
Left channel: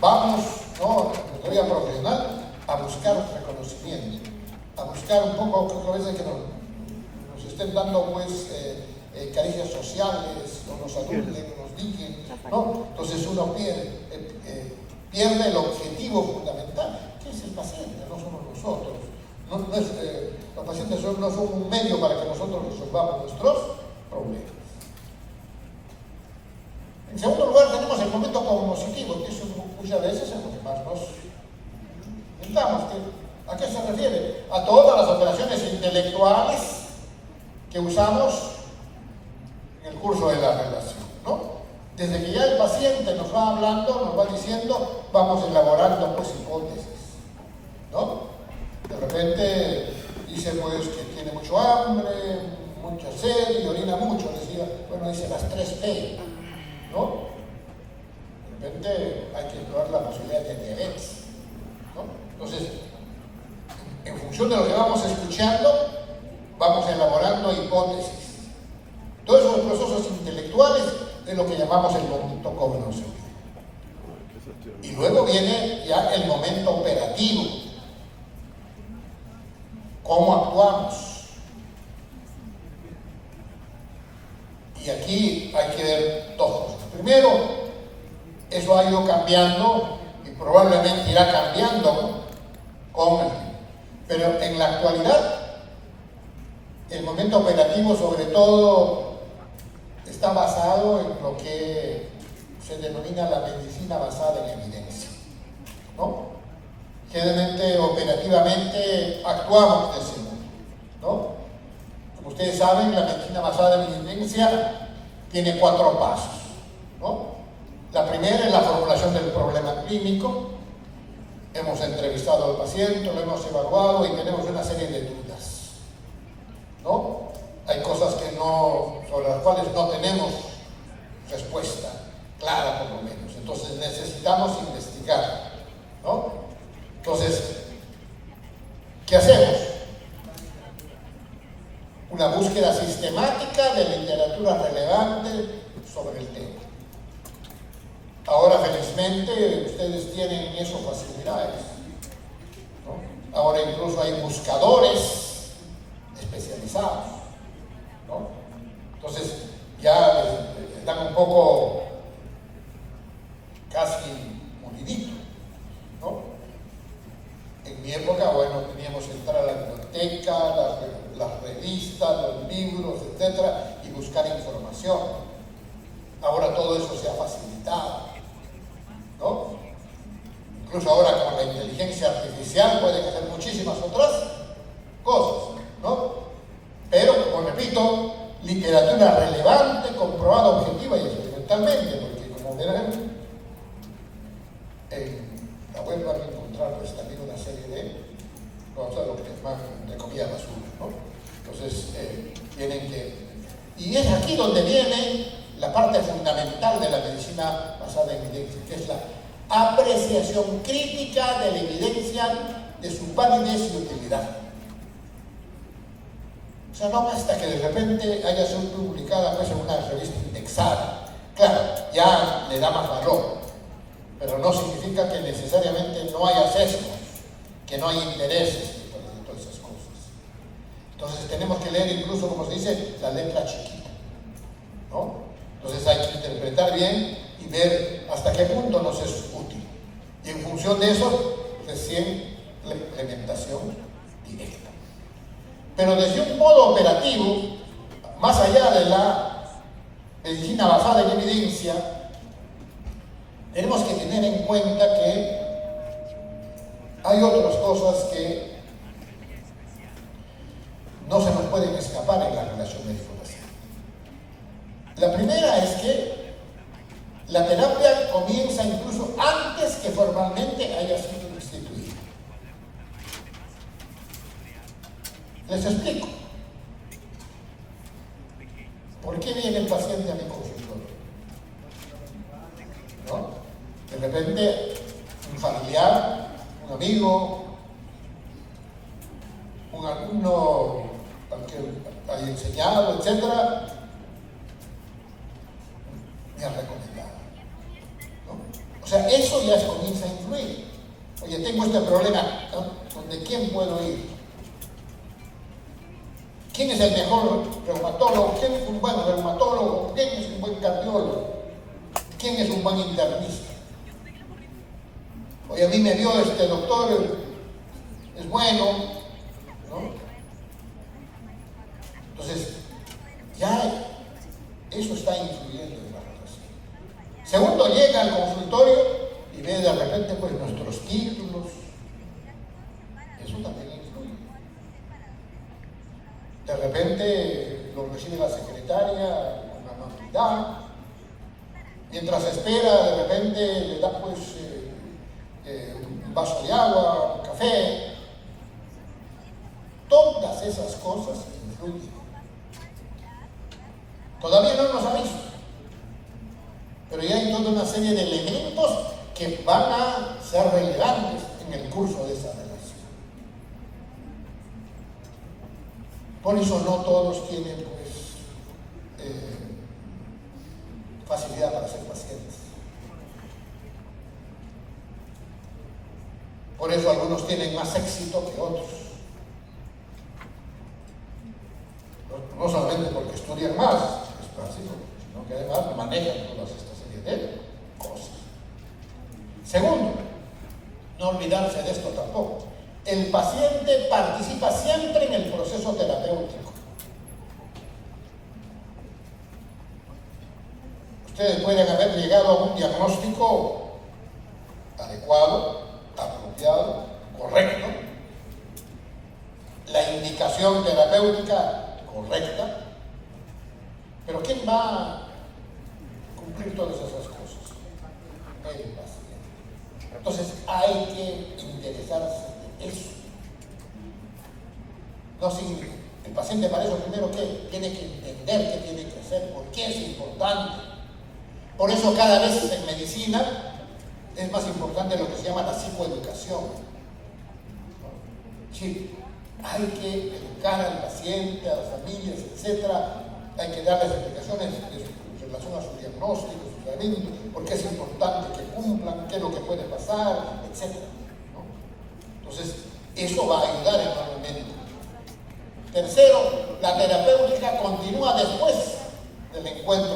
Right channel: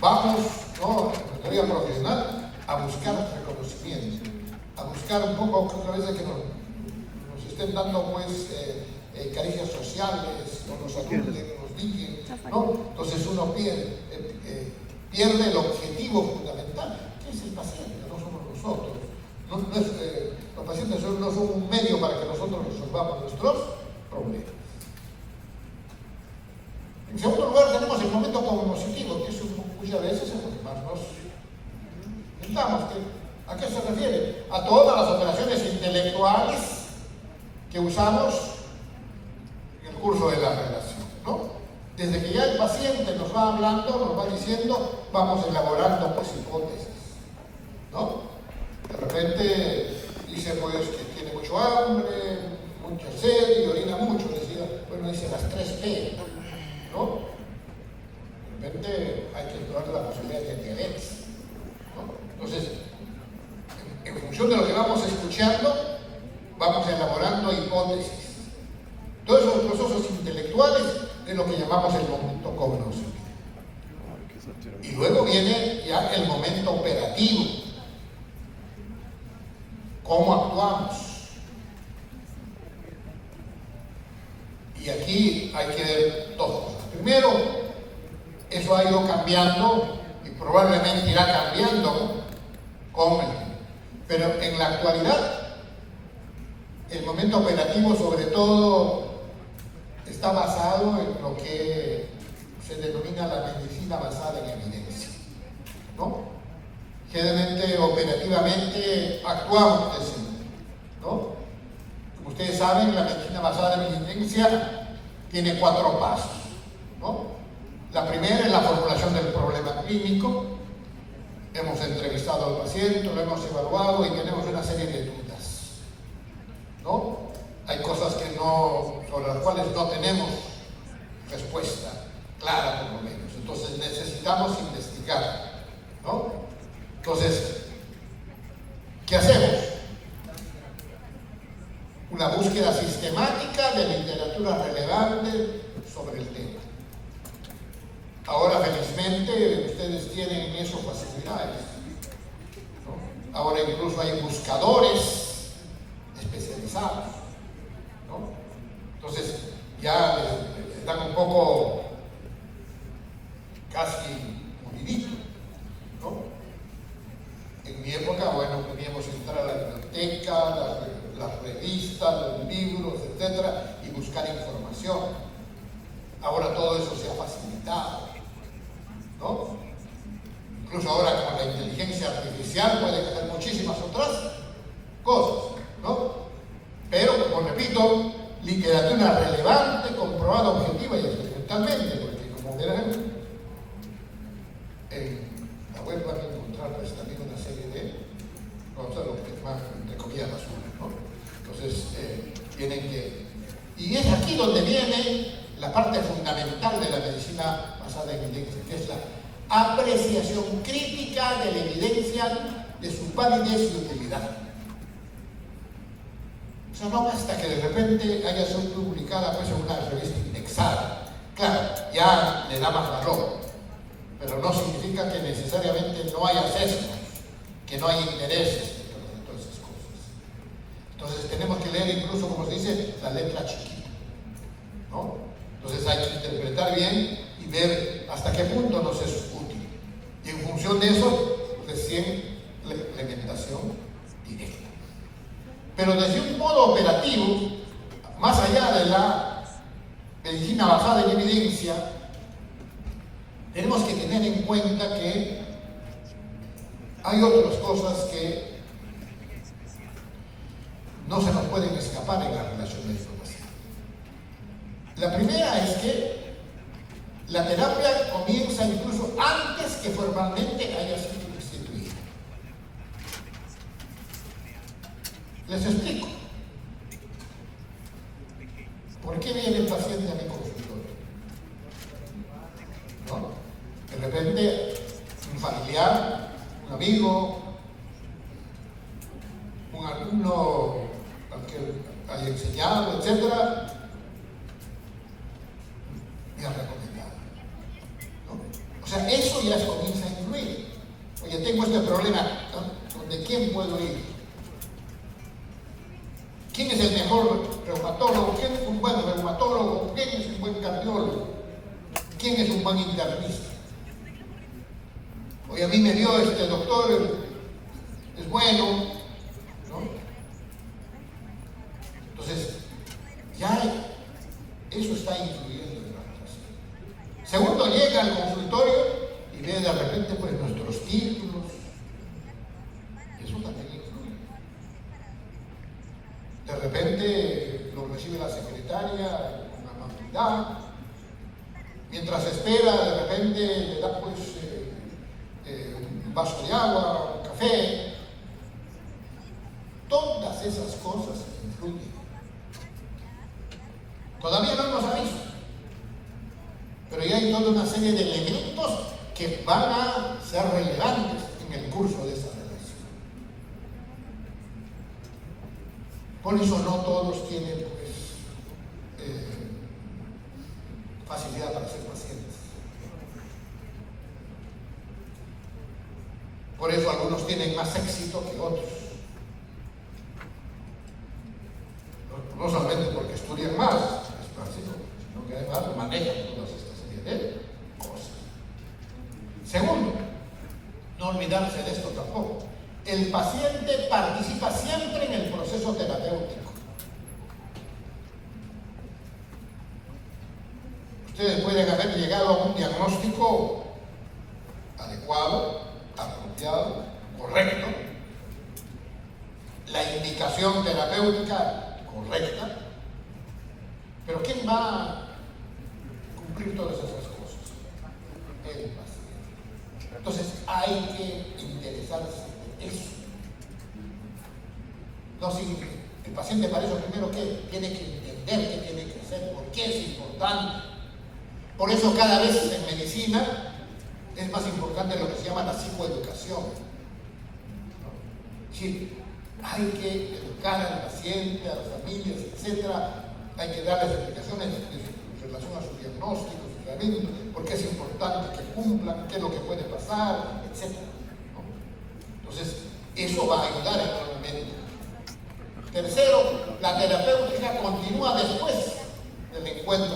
vamos, ¿no?, en teoría profesional, a buscar reconocimiento, a buscar un poco, otra vez, de que nos estén dando, pues, caricias sociales, o nos ayuden, nos digan, ¿no? Entonces uno pierde el objetivo fundamental, que es el paciente, no somos nosotros. Los pacientes no son un medio para que nosotros resolvamos nuestros problemas. En segundo lugar, tenemos el momento cognoscitivo, que es muchas veces es lo que más nos intentamos. ¿A qué se refiere? A todas las operaciones intelectuales que usamos en el curso de la relación, ¿no? Desde que ya el paciente nos va hablando, nos va diciendo, vamos elaborando pues hipótesis, ¿no? De repente dice pues que tiene mucho hambre, mucha sed y orina mucho, decía, bueno, dice las 3P, ¿no? De repente hay que explorar la posibilidad de diabetes, ¿no? Entonces, en función de lo que vamos escuchando, vamos elaborando hipótesis. Todos esos procesos intelectuales es lo que llamamos el momento cognoscitivo. Y luego viene ya el momento operativo. ¿Cómo actuamos? Y aquí hay que ver dos cosas. Primero, eso ha ido cambiando y probablemente irá cambiando con el tiempo. Pero en la actualidad, el momento operativo sobre todo está basado en lo que se denomina la medicina basada en evidencia, ¿no? generalmente operativamente actuamos de ese modo, ¿no? Como ustedes saben, la medicina basada en evidencia tiene 4 pasos, ¿no? La primera es la formulación del problema clínico. Hemos entrevistado al paciente, lo hemos evaluado y tenemos una serie de dudas, ¿no? Hay cosas sobre las cuales no tenemos respuesta clara, por lo menos. Entonces necesitamos investigar, ¿no? Entonces, ¿qué hacemos? Una búsqueda sistemática de literatura relevante sobre el tema. Ahora, felizmente, ustedes tienen eso facilidades, ¿no? Ahora incluso hay buscadores especializados, ¿no? Entonces, ya les dan un poco casi molidito, ¿no? En mi época, bueno, teníamos que entrar a la biblioteca, las revistas, los libros, etcétera, y buscar información. Ahora todo eso se ha facilitado, ¿no? Incluso ahora con la inteligencia artificial pueden hacer muchísimas otras cosas, ¿no? Pero, como repito, literatura relevante, comprobada objetiva y experimentalmente, porque como verán, en la web van a encontrar pues, también una serie de cosas, lo que es más, entre comillas, basura, ¿no? Entonces, tienen que... Y es aquí donde viene la parte fundamental de la medicina basada en evidencia, que es la apreciación crítica de la evidencia, de su validez y utilidad. O sea, no basta que de repente haya sido publicada pues, en una revista indexada. Claro, ya le da más valor, pero no significa que necesariamente no haya sesgos, que no hay intereses en todas esas cosas. Entonces tenemos que leer incluso, como se dice, la letra chiquita, ¿no? Entonces hay que interpretar bien y ver hasta qué punto nos es útil. Y en función de eso, recién la implementación directa. Pero desde un modo operativo, más allá de la medicina basada en evidencia, tenemos que tener en cuenta que hay otras cosas que no se nos pueden escapar en la relación médico-paciente. La primera es que la terapia comienza incluso antes que formalmente haya sido instituida. Les explico. ¿Por qué viene el paciente a mi consultorio? ¿No? De repente, un familiar, un amigo, un alumno al que haya enseñado, etcétera, me ha recomendado, ¿no? O sea, eso ya comienza a influir. Oye, tengo este problema, ¿no? ¿Donde quién puedo ir? ¿Quién es el mejor reumatólogo? ¿Quién es un buen reumatólogo? ¿Quién es un buen cardiólogo? ¿Quién es un buen internista? Oye, a mí me dio este doctor, es bueno, ¿no? Entonces, ya eso está influyendo en la relación. Segundo, llega al consultorio y ve de repente pues nuestros títulos. Eso también influye. De repente lo recibe la secretaria con amabilidad. Mientras espera, de repente le da pues un vaso de agua, un café. Todas esas cosas influyen. Todavía no nos ha visto, pero ya hay toda una serie de elementos que van a ser relevantes en el curso de esa relación. Por eso no todos tienen pues, facilidad para ser pacientes. Por eso algunos tienen más éxito que otros. No solamente porque estudian más, es básico, sino que además manejan todas esta serie de cosas. Segundo, no olvidarse de esto tampoco. El paciente participa siempre en el proceso terapéutico. Ustedes pueden haber llegado a un diagnóstico adecuado, apropiado, indicación terapéutica correcta, pero ¿quién va a cumplir todas esas cosas? El paciente. Entonces hay que interesarse de eso. No, si el paciente para eso primero que tiene que entender qué tiene que hacer, por qué es importante. Por eso cada vez en medicina es más importante lo que se llama la psicoeducación. Sí, hay que educar al paciente, a las familias, etcétera. Hay que darles explicaciones en relación a su diagnóstico, su tratamiento, por qué es importante que cumplan, qué es lo que puede pasar, etcétera, ¿no? Entonces, eso va a ayudar enormemente. Tercero, la terapéutica continúa después del encuentro,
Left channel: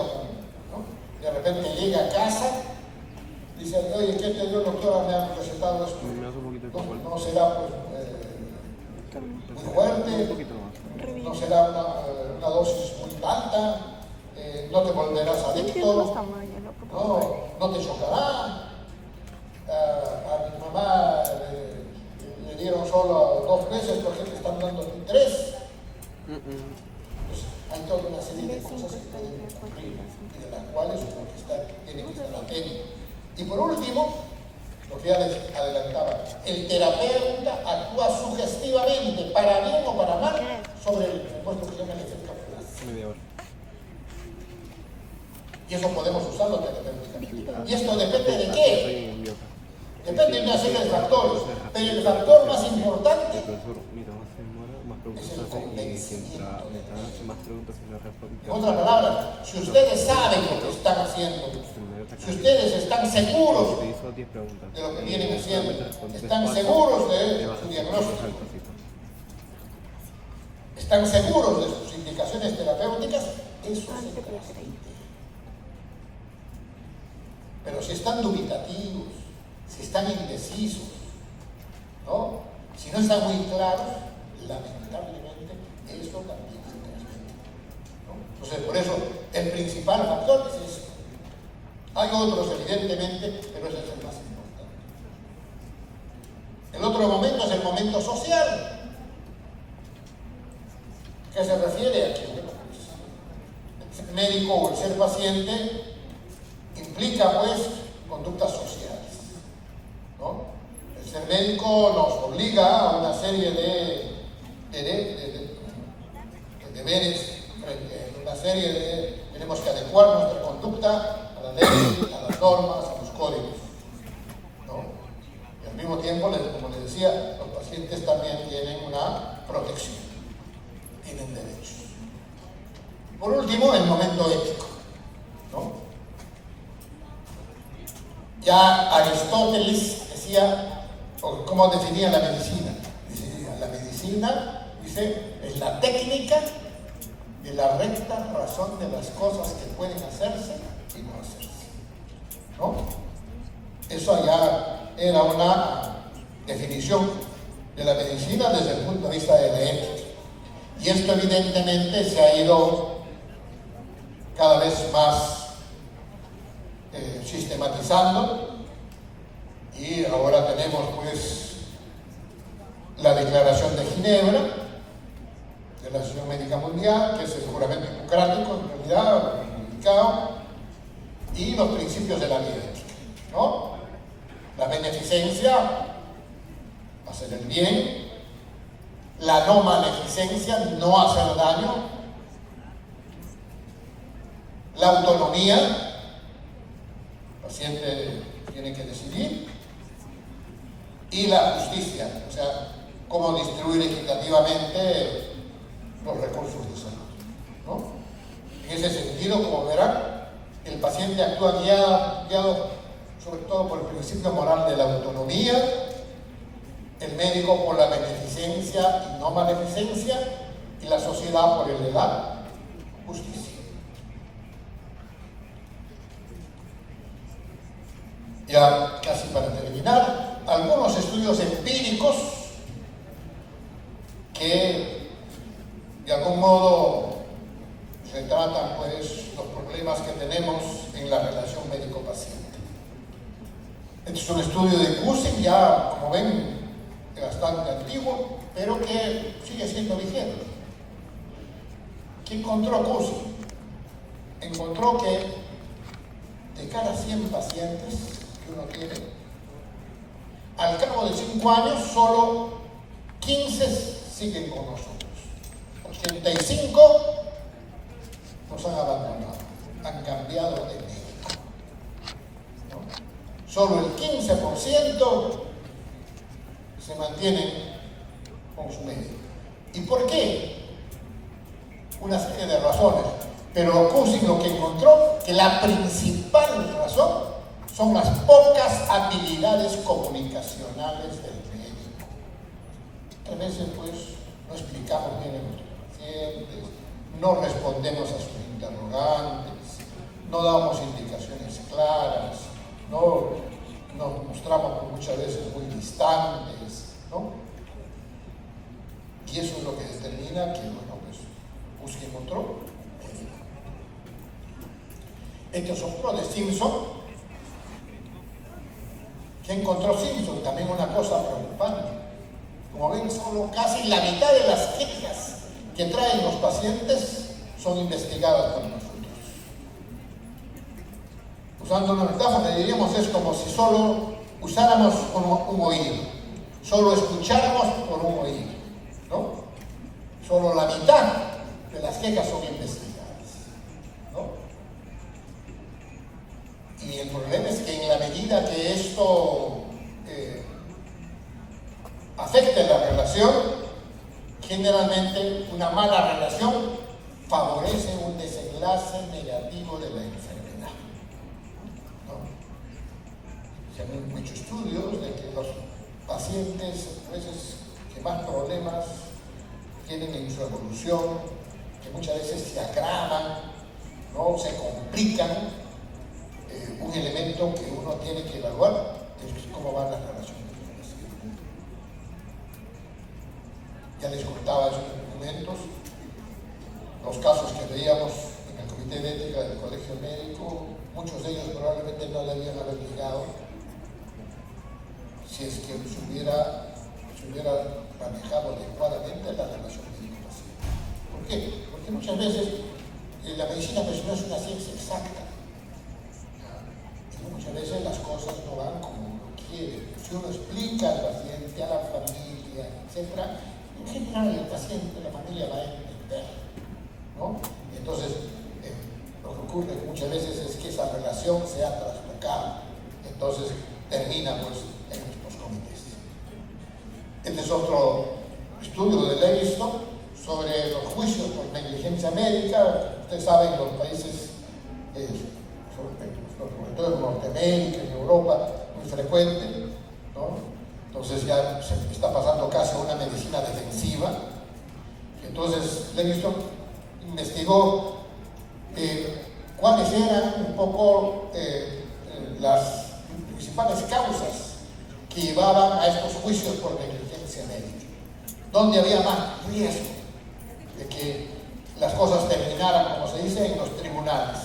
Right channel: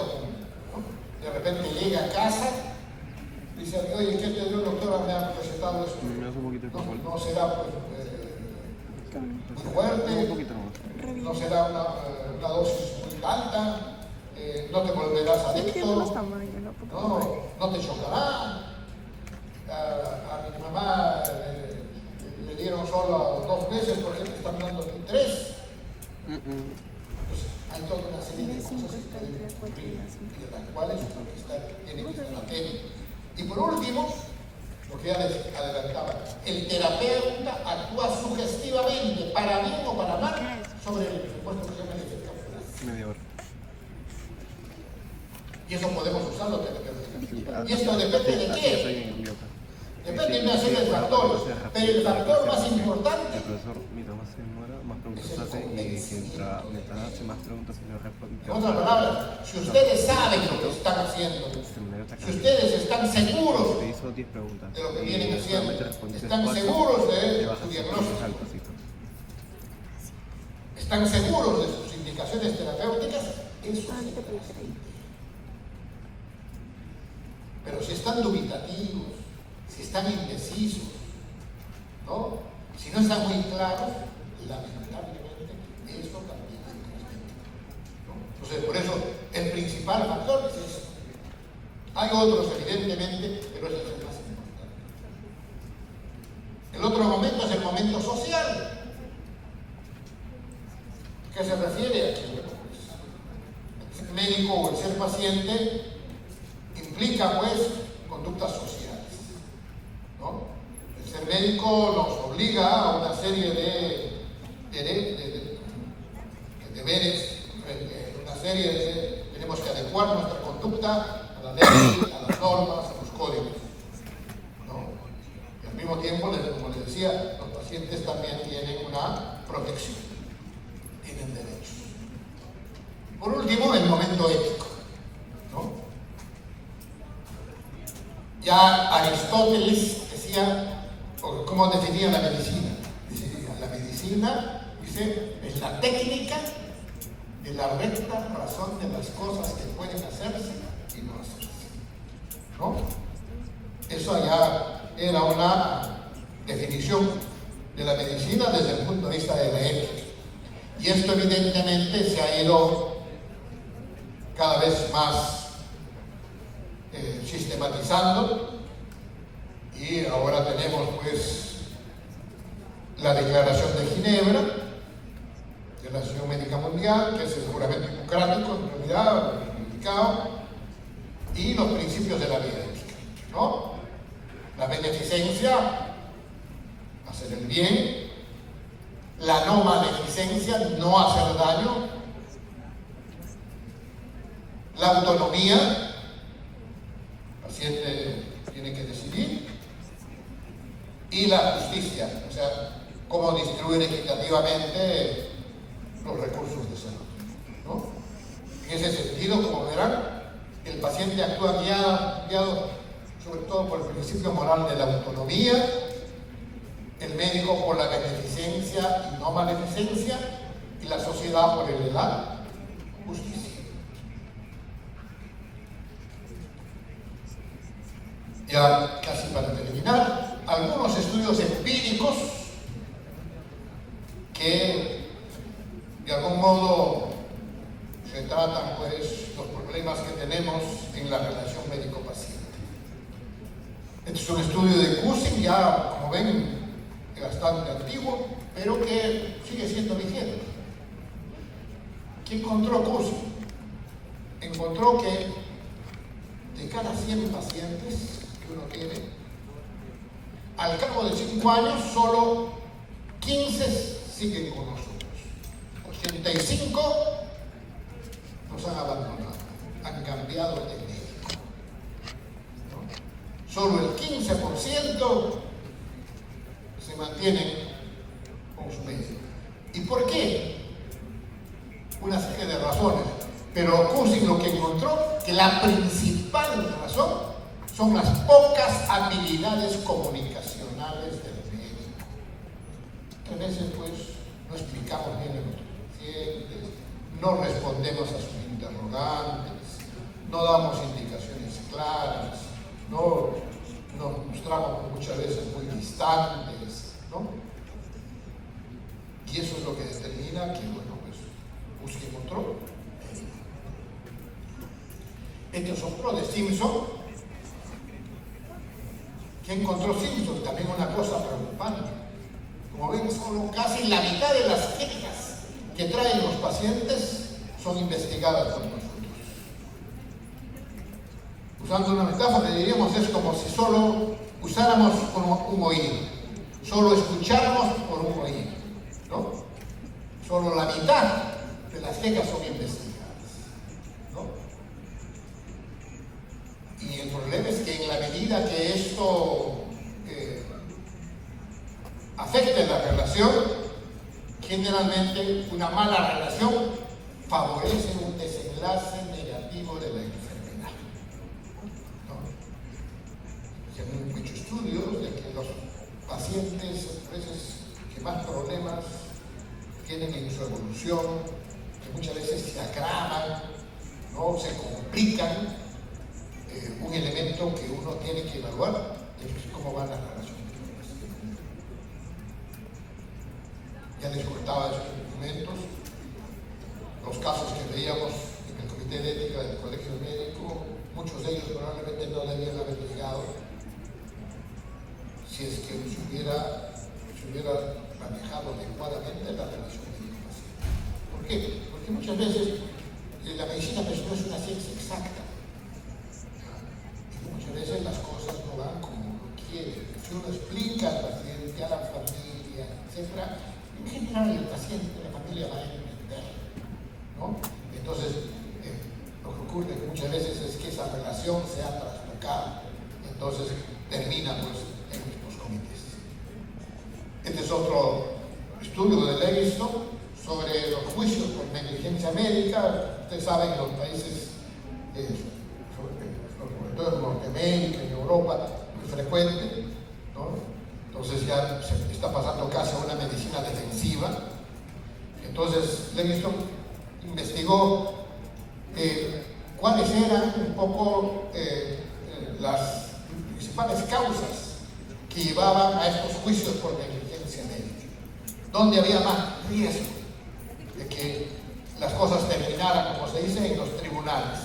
¿no? De repente llega a casa, dice, oye, ¿qué te dio el doctor? Me han recetado eso. No será pues muy fuerte, no será una dosis muy alta, no te volverás adicto, no te chocará. A mi mamá le dieron solo 2 meses porque te están dando 3. Entonces, hay toda una serie de cosas que pueden ocurrir y de las cuales uno tiene que estar atento. Y por último, lo que ya les adelantaba, el terapeuta actúa sugestivamente, para bien o para mal, sobre el supuesto que se llama el efecto flash. Media hora. Y eso podemos usarlo terapéuticamente. ¿Y esto depende de qué? Depende de una serie de factores, pero el factor más importante El profesor, mientras más se demora, más preguntas hace y mientras hace más preguntas y no responde. En otras palabras, si ustedes saben lo que están haciendo, si ustedes están seguros te hizo 10 preguntas de lo que vienen haciendo, respondes están 4, seguros de le vas a su hacer diagnóstico, algo así, pues. están seguros de sus indicaciones terapéuticas, eso se transmite. Pero si están dubitativos, si están indecisos, ¿no? Si no están muy claros, lamentablemente eso también se transmite, ¿no? Entonces, por eso el principal factor es ese. Hay otros, evidentemente, pero ese es el más importante. El otro momento es el momento social. ¿Qué se refiere aquí? Bueno, pues, el ser médico o el ser paciente implica, pues, conductas sociales, ¿no? El ser médico nos obliga a una serie de deberes, una serie de... Tenemos que adecuar nuestra conducta a la ley, a las normas, a los códigos, ¿no? Y al mismo tiempo, como les decía, los pacientes también tienen una protección, tienen derechos. Por último, el momento ético, ¿no? Ya Aristóteles decía, ¿cómo definía la medicina? La medicina, dice, es la técnica de la recta razón de las cosas que pueden hacerse y no hacerse, ¿no? Eso ya era una definición de la medicina desde el punto de vista de la ética. Y esto evidentemente se ha ido cada vez más sistematizando, y ahora tenemos pues la Declaración de Ginebra de la Asociación Médica Mundial, que es el juramento hipocrático en realidad, indicado, y los principios de la vida ética, ¿no? La beneficencia, hacer el bien; la no maleficencia, no hacer daño; la autonomía, el paciente tiene que decidir; y la justicia, o sea, cómo distribuir equitativamente los recursos de salud, ¿no? En ese sentido, como verán, el paciente actúa guiado sobre todo por el principio moral de la autonomía, el médico por la beneficencia y no maleficencia, y la sociedad por el de la justicia. Ya casi para terminar, algunos estudios empíricos que de algún modo retratan pues los problemas que tenemos en la relación médico-paciente. Este es un estudio de Cushing, ya como ven, bastante antiguo, pero que sigue siendo vigente. ¿Qué encontró Cushing? Encontró que de cada 100 pacientes que uno tiene, al cabo de 5 años, solo 15 siguen con nosotros. 85 nos han abandonado, han cambiado de médico, ¿no? Solo el 15% se mantienen con su médico. ¿Y por qué? Una serie de razones. Pero Cushing lo que encontró, que la principal razón son las pocas habilidades comunicacionales del médico. A veces, pues, no explicamos bien a nuestros pacientes, no respondemos a sus interrogantes, no damos indicaciones claras, no nos mostramos muchas veces muy distantes, ¿no? Y eso es lo que determina que, bueno, pues, Cushing encontró. Este es otro de Simpson. ¿Qué encontró Simpson? También una cosa preocupante. Como ven, solo casi la mitad de las quejas que traen los pacientes son investigadas por nosotros. Usando una metáfora, diríamos, es como si solo usáramos un oído, solo escucháramos por un oído, ¿no? Solo la mitad de las quejas son investigadas, ¿no? Y el problema es que en la medida que esto afecte la relación, generalmente una mala relación favorece un desenlace negativo de la enfermedad, ¿no? Se han hecho estudios de que los pacientes, a veces, que más problemas tienen en su evolución, que muchas veces se agravan, ¿no? Se complican. Un elemento que uno tiene que evaluar es cómo van las relaciones. Ya les contaba esos documentos, los casos que veíamos en el Comité de Ética del Colegio Médico, muchos de ellos probablemente no debían haber llegado si es que se hubiera manejado adecuadamente la relación médico-paciente. ¿Por qué? Porque muchas veces la medicina personal es una ciencia exacta. Muchas veces las cosas no van como uno quiere. Si uno explica al paciente, a la familia, etc., en general el paciente, la familia va a entender, ¿no? Entonces, lo que ocurre muchas veces es que esa relación se ha traslocado. Entonces, termina pues en estos comités. Este es otro estudio de Lewiston sobre los juicios por negligencia médica. Ustedes saben, en los países sobre todo en Norteamérica, en Europa, muy frecuente, ¿no? Entonces ya se está pasando casi a una medicina defensiva. Entonces Lewiston investigó cuáles eran un poco las principales causas que llevaban a estos juicios por negligencia médica, dónde había más riesgo de que las cosas terminaran, como se dice, en los tribunales.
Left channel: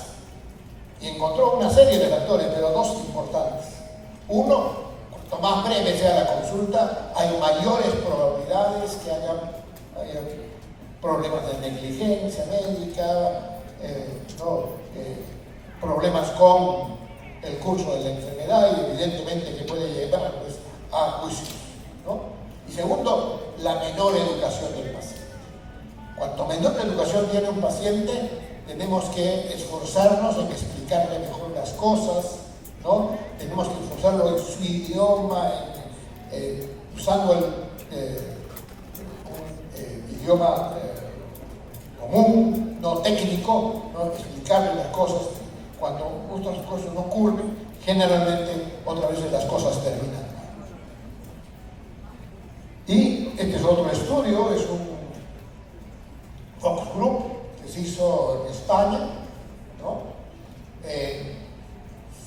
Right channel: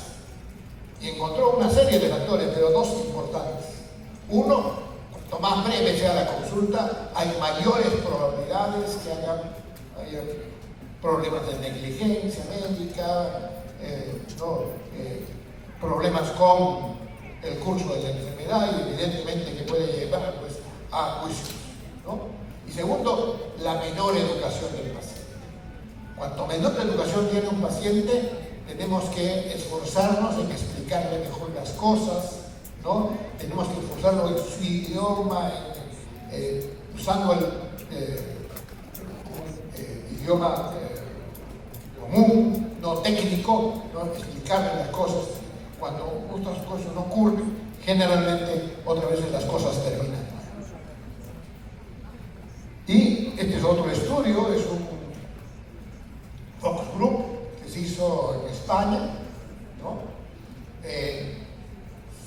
Y encontró una serie de factores, pero dos importantes. Uno, cuanto más breve sea la consulta, hay mayores probabilidades que haya problemas de negligencia médica, problemas con el curso de la enfermedad y evidentemente que puede llevar pues, a juicios, ¿no? Y segundo, la menor educación del paciente. Cuanto menor educación tiene un paciente, tenemos que esforzarnos en explicarle mejor las cosas, ¿no? Tenemos que esforzarlo en su idioma, usando el idioma común, no técnico, ¿no? Explicarle las cosas. Cuando otras cosas no ocurren, generalmente otras veces las cosas terminan mal. Y este es otro estudio, es un focus group que se hizo en España, ¿no?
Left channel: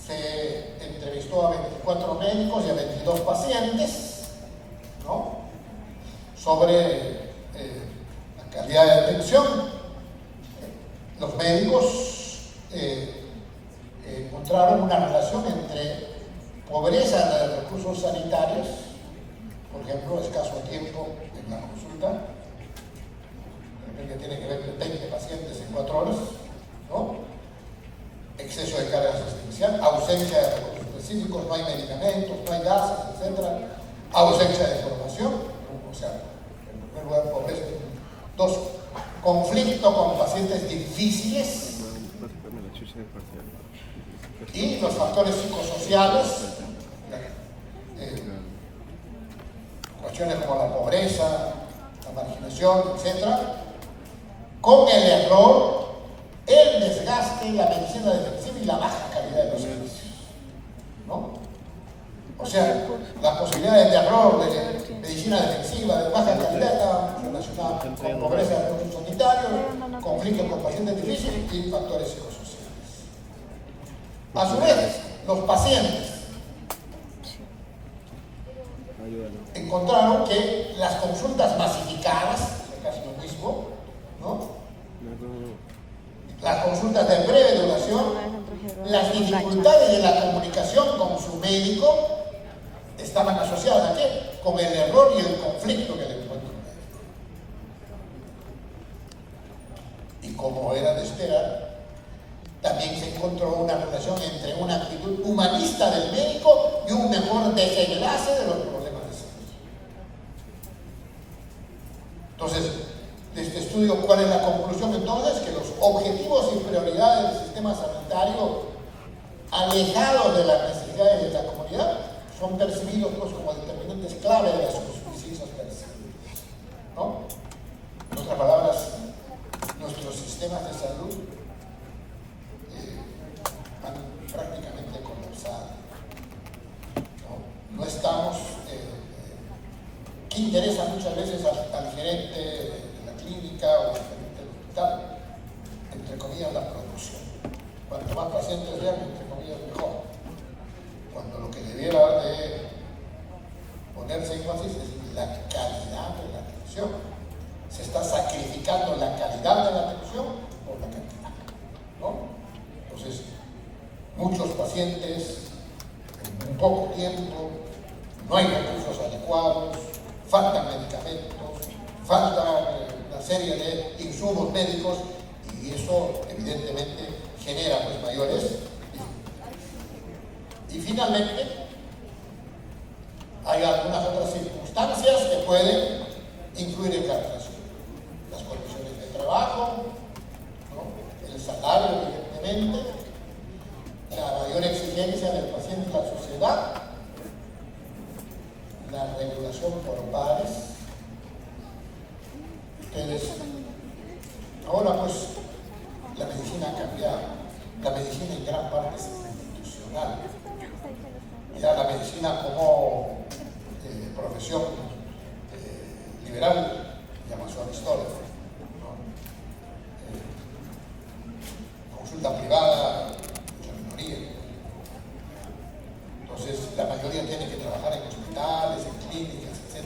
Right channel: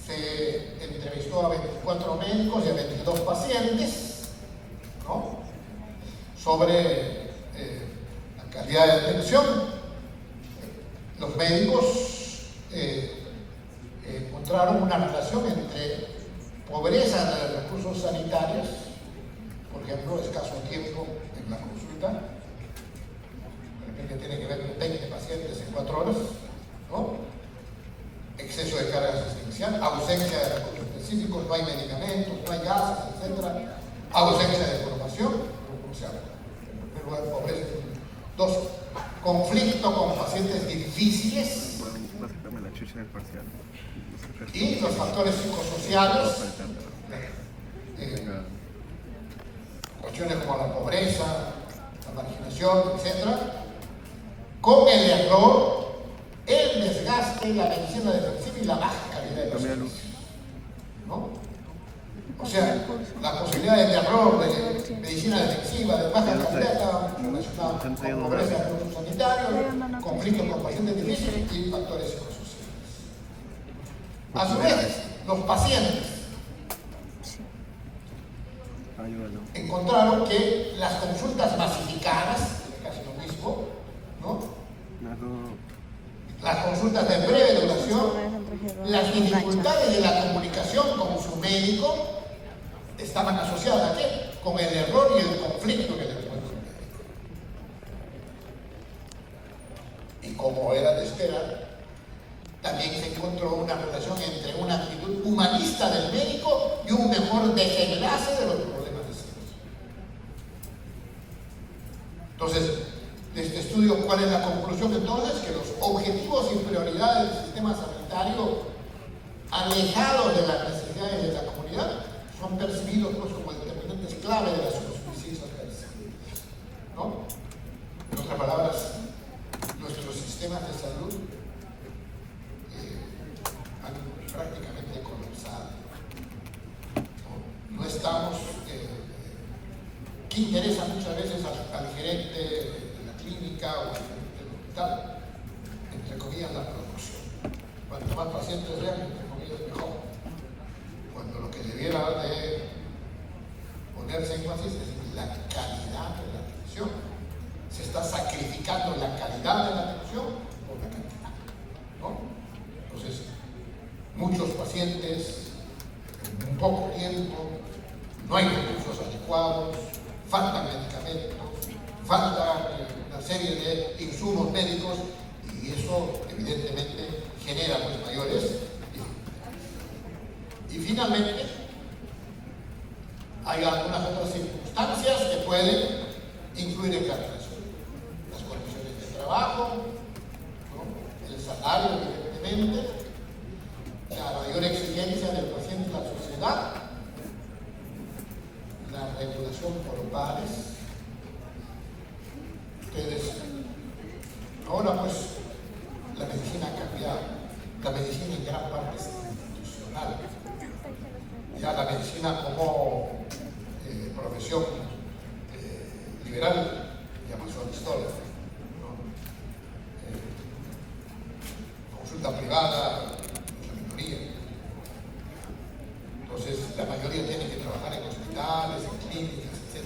Se entrevistó a 24 médicos y a 22 pacientes, ¿no? Sobre la calidad de atención. Los médicos encontraron una relación entre pobreza de recursos sanitarios, por ejemplo, escaso tiempo de en la consulta, de repente tiene que ver con 20 pacientes en 4 horas, ¿no? Exceso de carga asistencial, ausencia de recursos específicos, no hay medicamentos, no hay gases, etc. Ausencia de formación, o sea, en primer lugar, pobreza. 2, conflicto con pacientes difíciles. Y los factores psicosociales, cuestiones como la pobreza, la marginación, etc. Con el error, el desgaste, la medicina defensiva y la baja calidad de los servicios, ¿no? O sea, las posibilidades de error, de medicina defensiva, de baja calidad, estaban relacionadas con pobreza de recursos sanitarios, conflictos con pacientes difíciles y factores psicosociales. A su vez, los pacientes encontraron que las consultas masificadas, es casi lo mismo, ¿no? Las consultas de breve duración, las dificultades de la comunicación con su médico estaban asociadas ¿a qué? Con el error y el conflicto que le encuentra el médico. Y como era de esperar, también se encontró una relación entre una actitud humanista del médico y un mejor desenlace de los problemas de salud. Entonces, de este estudio, ¿cuál es la conclusión entonces? Que los objetivos y prioridades del sistema sanitario, alejados de las necesidades de la comunidad, son percibidos pues, como determinantes clave de las suficiencias percibidas, ¿no? En otras palabras, nuestros sistemas de salud han prácticamente colapsado. No estamos... ¿qué interesa muchas veces al gerente de la clínica o al gerente del hospital? Entre comillas, la producción. Cuanto más pacientes vean, entre comillas, mejor. Cuando lo que debiera de ponerse énfasis es la calidad de la atención. Se está sacrificando la calidad de la atención por la cantidad, ¿no? Entonces, muchos pacientes en un poco tiempo, no hay recursos adecuados, faltan medicamentos, falta una serie de insumos médicos y eso evidentemente genera pues, mayores dificultades. Y finalmente, hay algunas otras circunstancias que pueden influir en la atención. Las condiciones de trabajo, ¿no? El salario, evidentemente, la mayor exigencia del paciente a la sociedad, la regulación por pares. Ustedes, ahora pues la medicina ha cambiado, la medicina en gran parte es institucional. Ya la medicina como profesión liberal llama su historia, ¿no? Consulta privada es la minoría. Entonces la mayoría tiene que trabajar en hospitales, en clínicas, etc.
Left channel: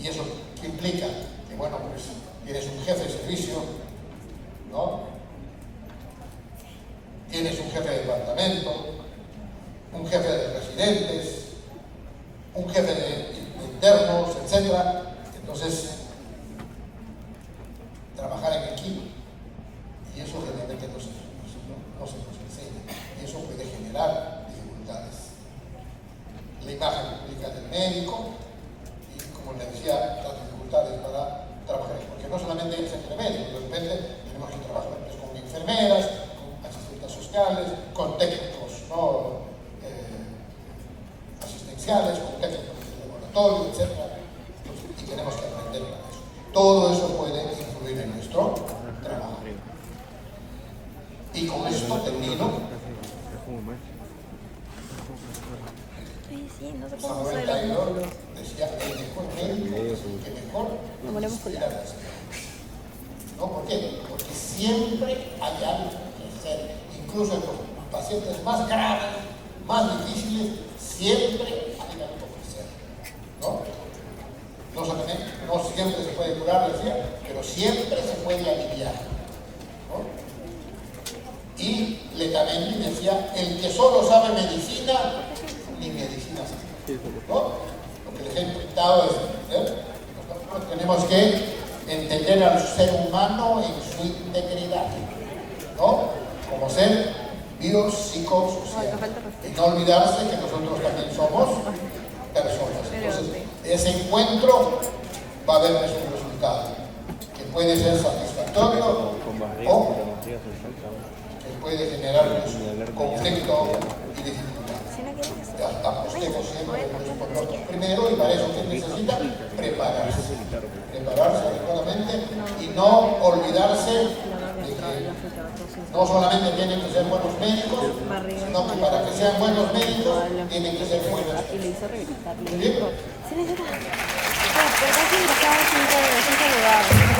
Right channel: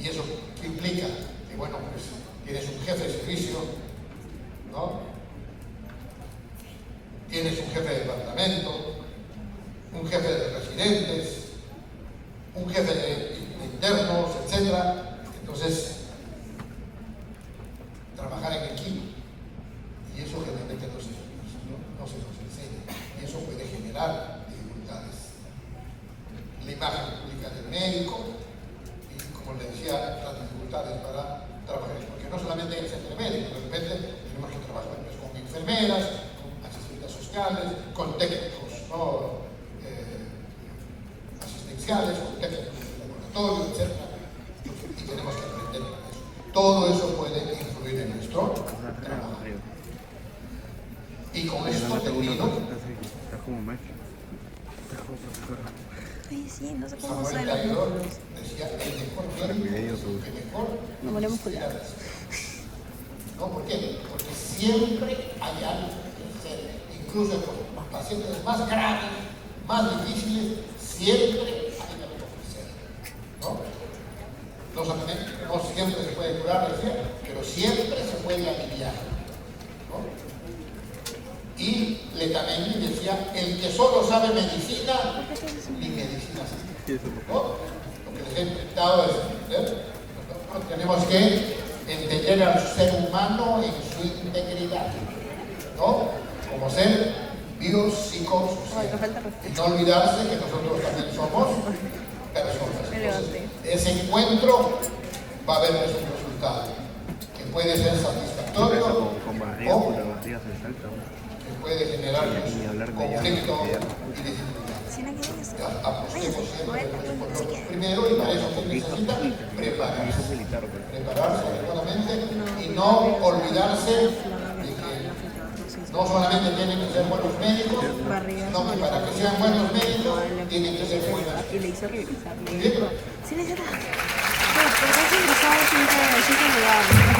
¿Y eso qué implica? Que bueno, pues tienes un jefe de servicio, ¿no? Tienes un jefe de departamento, un jefe de residentes, un jefe de internos, etc. Entonces, trabajar en equipo. Y eso generalmente no se nos enseña. Y eso puede generar dificultades. La imagen pública del médico y, como le decía, las dificultades para trabajar. Porque no solamente hay que ser médico, de repente tenemos que trabajar pues, con enfermeras, con asistentes sociales, con técnicos, ¿no? Asistenciales, con técnicos de laboratorio, etc. Y tenemos que aprender para eso. Todo eso puede influir en nuestro trabajo. Y con esto termino. Ay, sí, no sé cómo Samuel hacer Taylor decía el mejor médico que mejor Lo ponemos inspira la esperanza. ¿No? ¿Por qué? Porque siempre hay algo que hacer. Incluso en los pacientes más graves, más difíciles, siempre hay algo que hacer. ¿No? No siempre se puede curar, decía, pero siempre se puede aliviar. ¿No? Y Letamendi decía, el que solo sabe medicina, ni medicina sabe. ¿No? Lo que les he intentado es entender, Tenemos que entender al ser humano en su integridad, ¿no? Como ser biopsicosocial. Y no olvidarse que nosotros también somos personas. Entonces, ese encuentro va a haber un resultado que puede ser satisfactorio o que puede generar conflicto y dificultad. Apostemos siempre por nosotros primero, y para eso se necesita prepararse adecuadamente y no olvidarse de que no solamente tienen que ser buenos médicos, sino que para que sean buenos médicos tienen que ser buenos. Y le hizo regresar. ¿Sí? Sí, le hizo regresar. Pero casi empezaba siempre lo daba.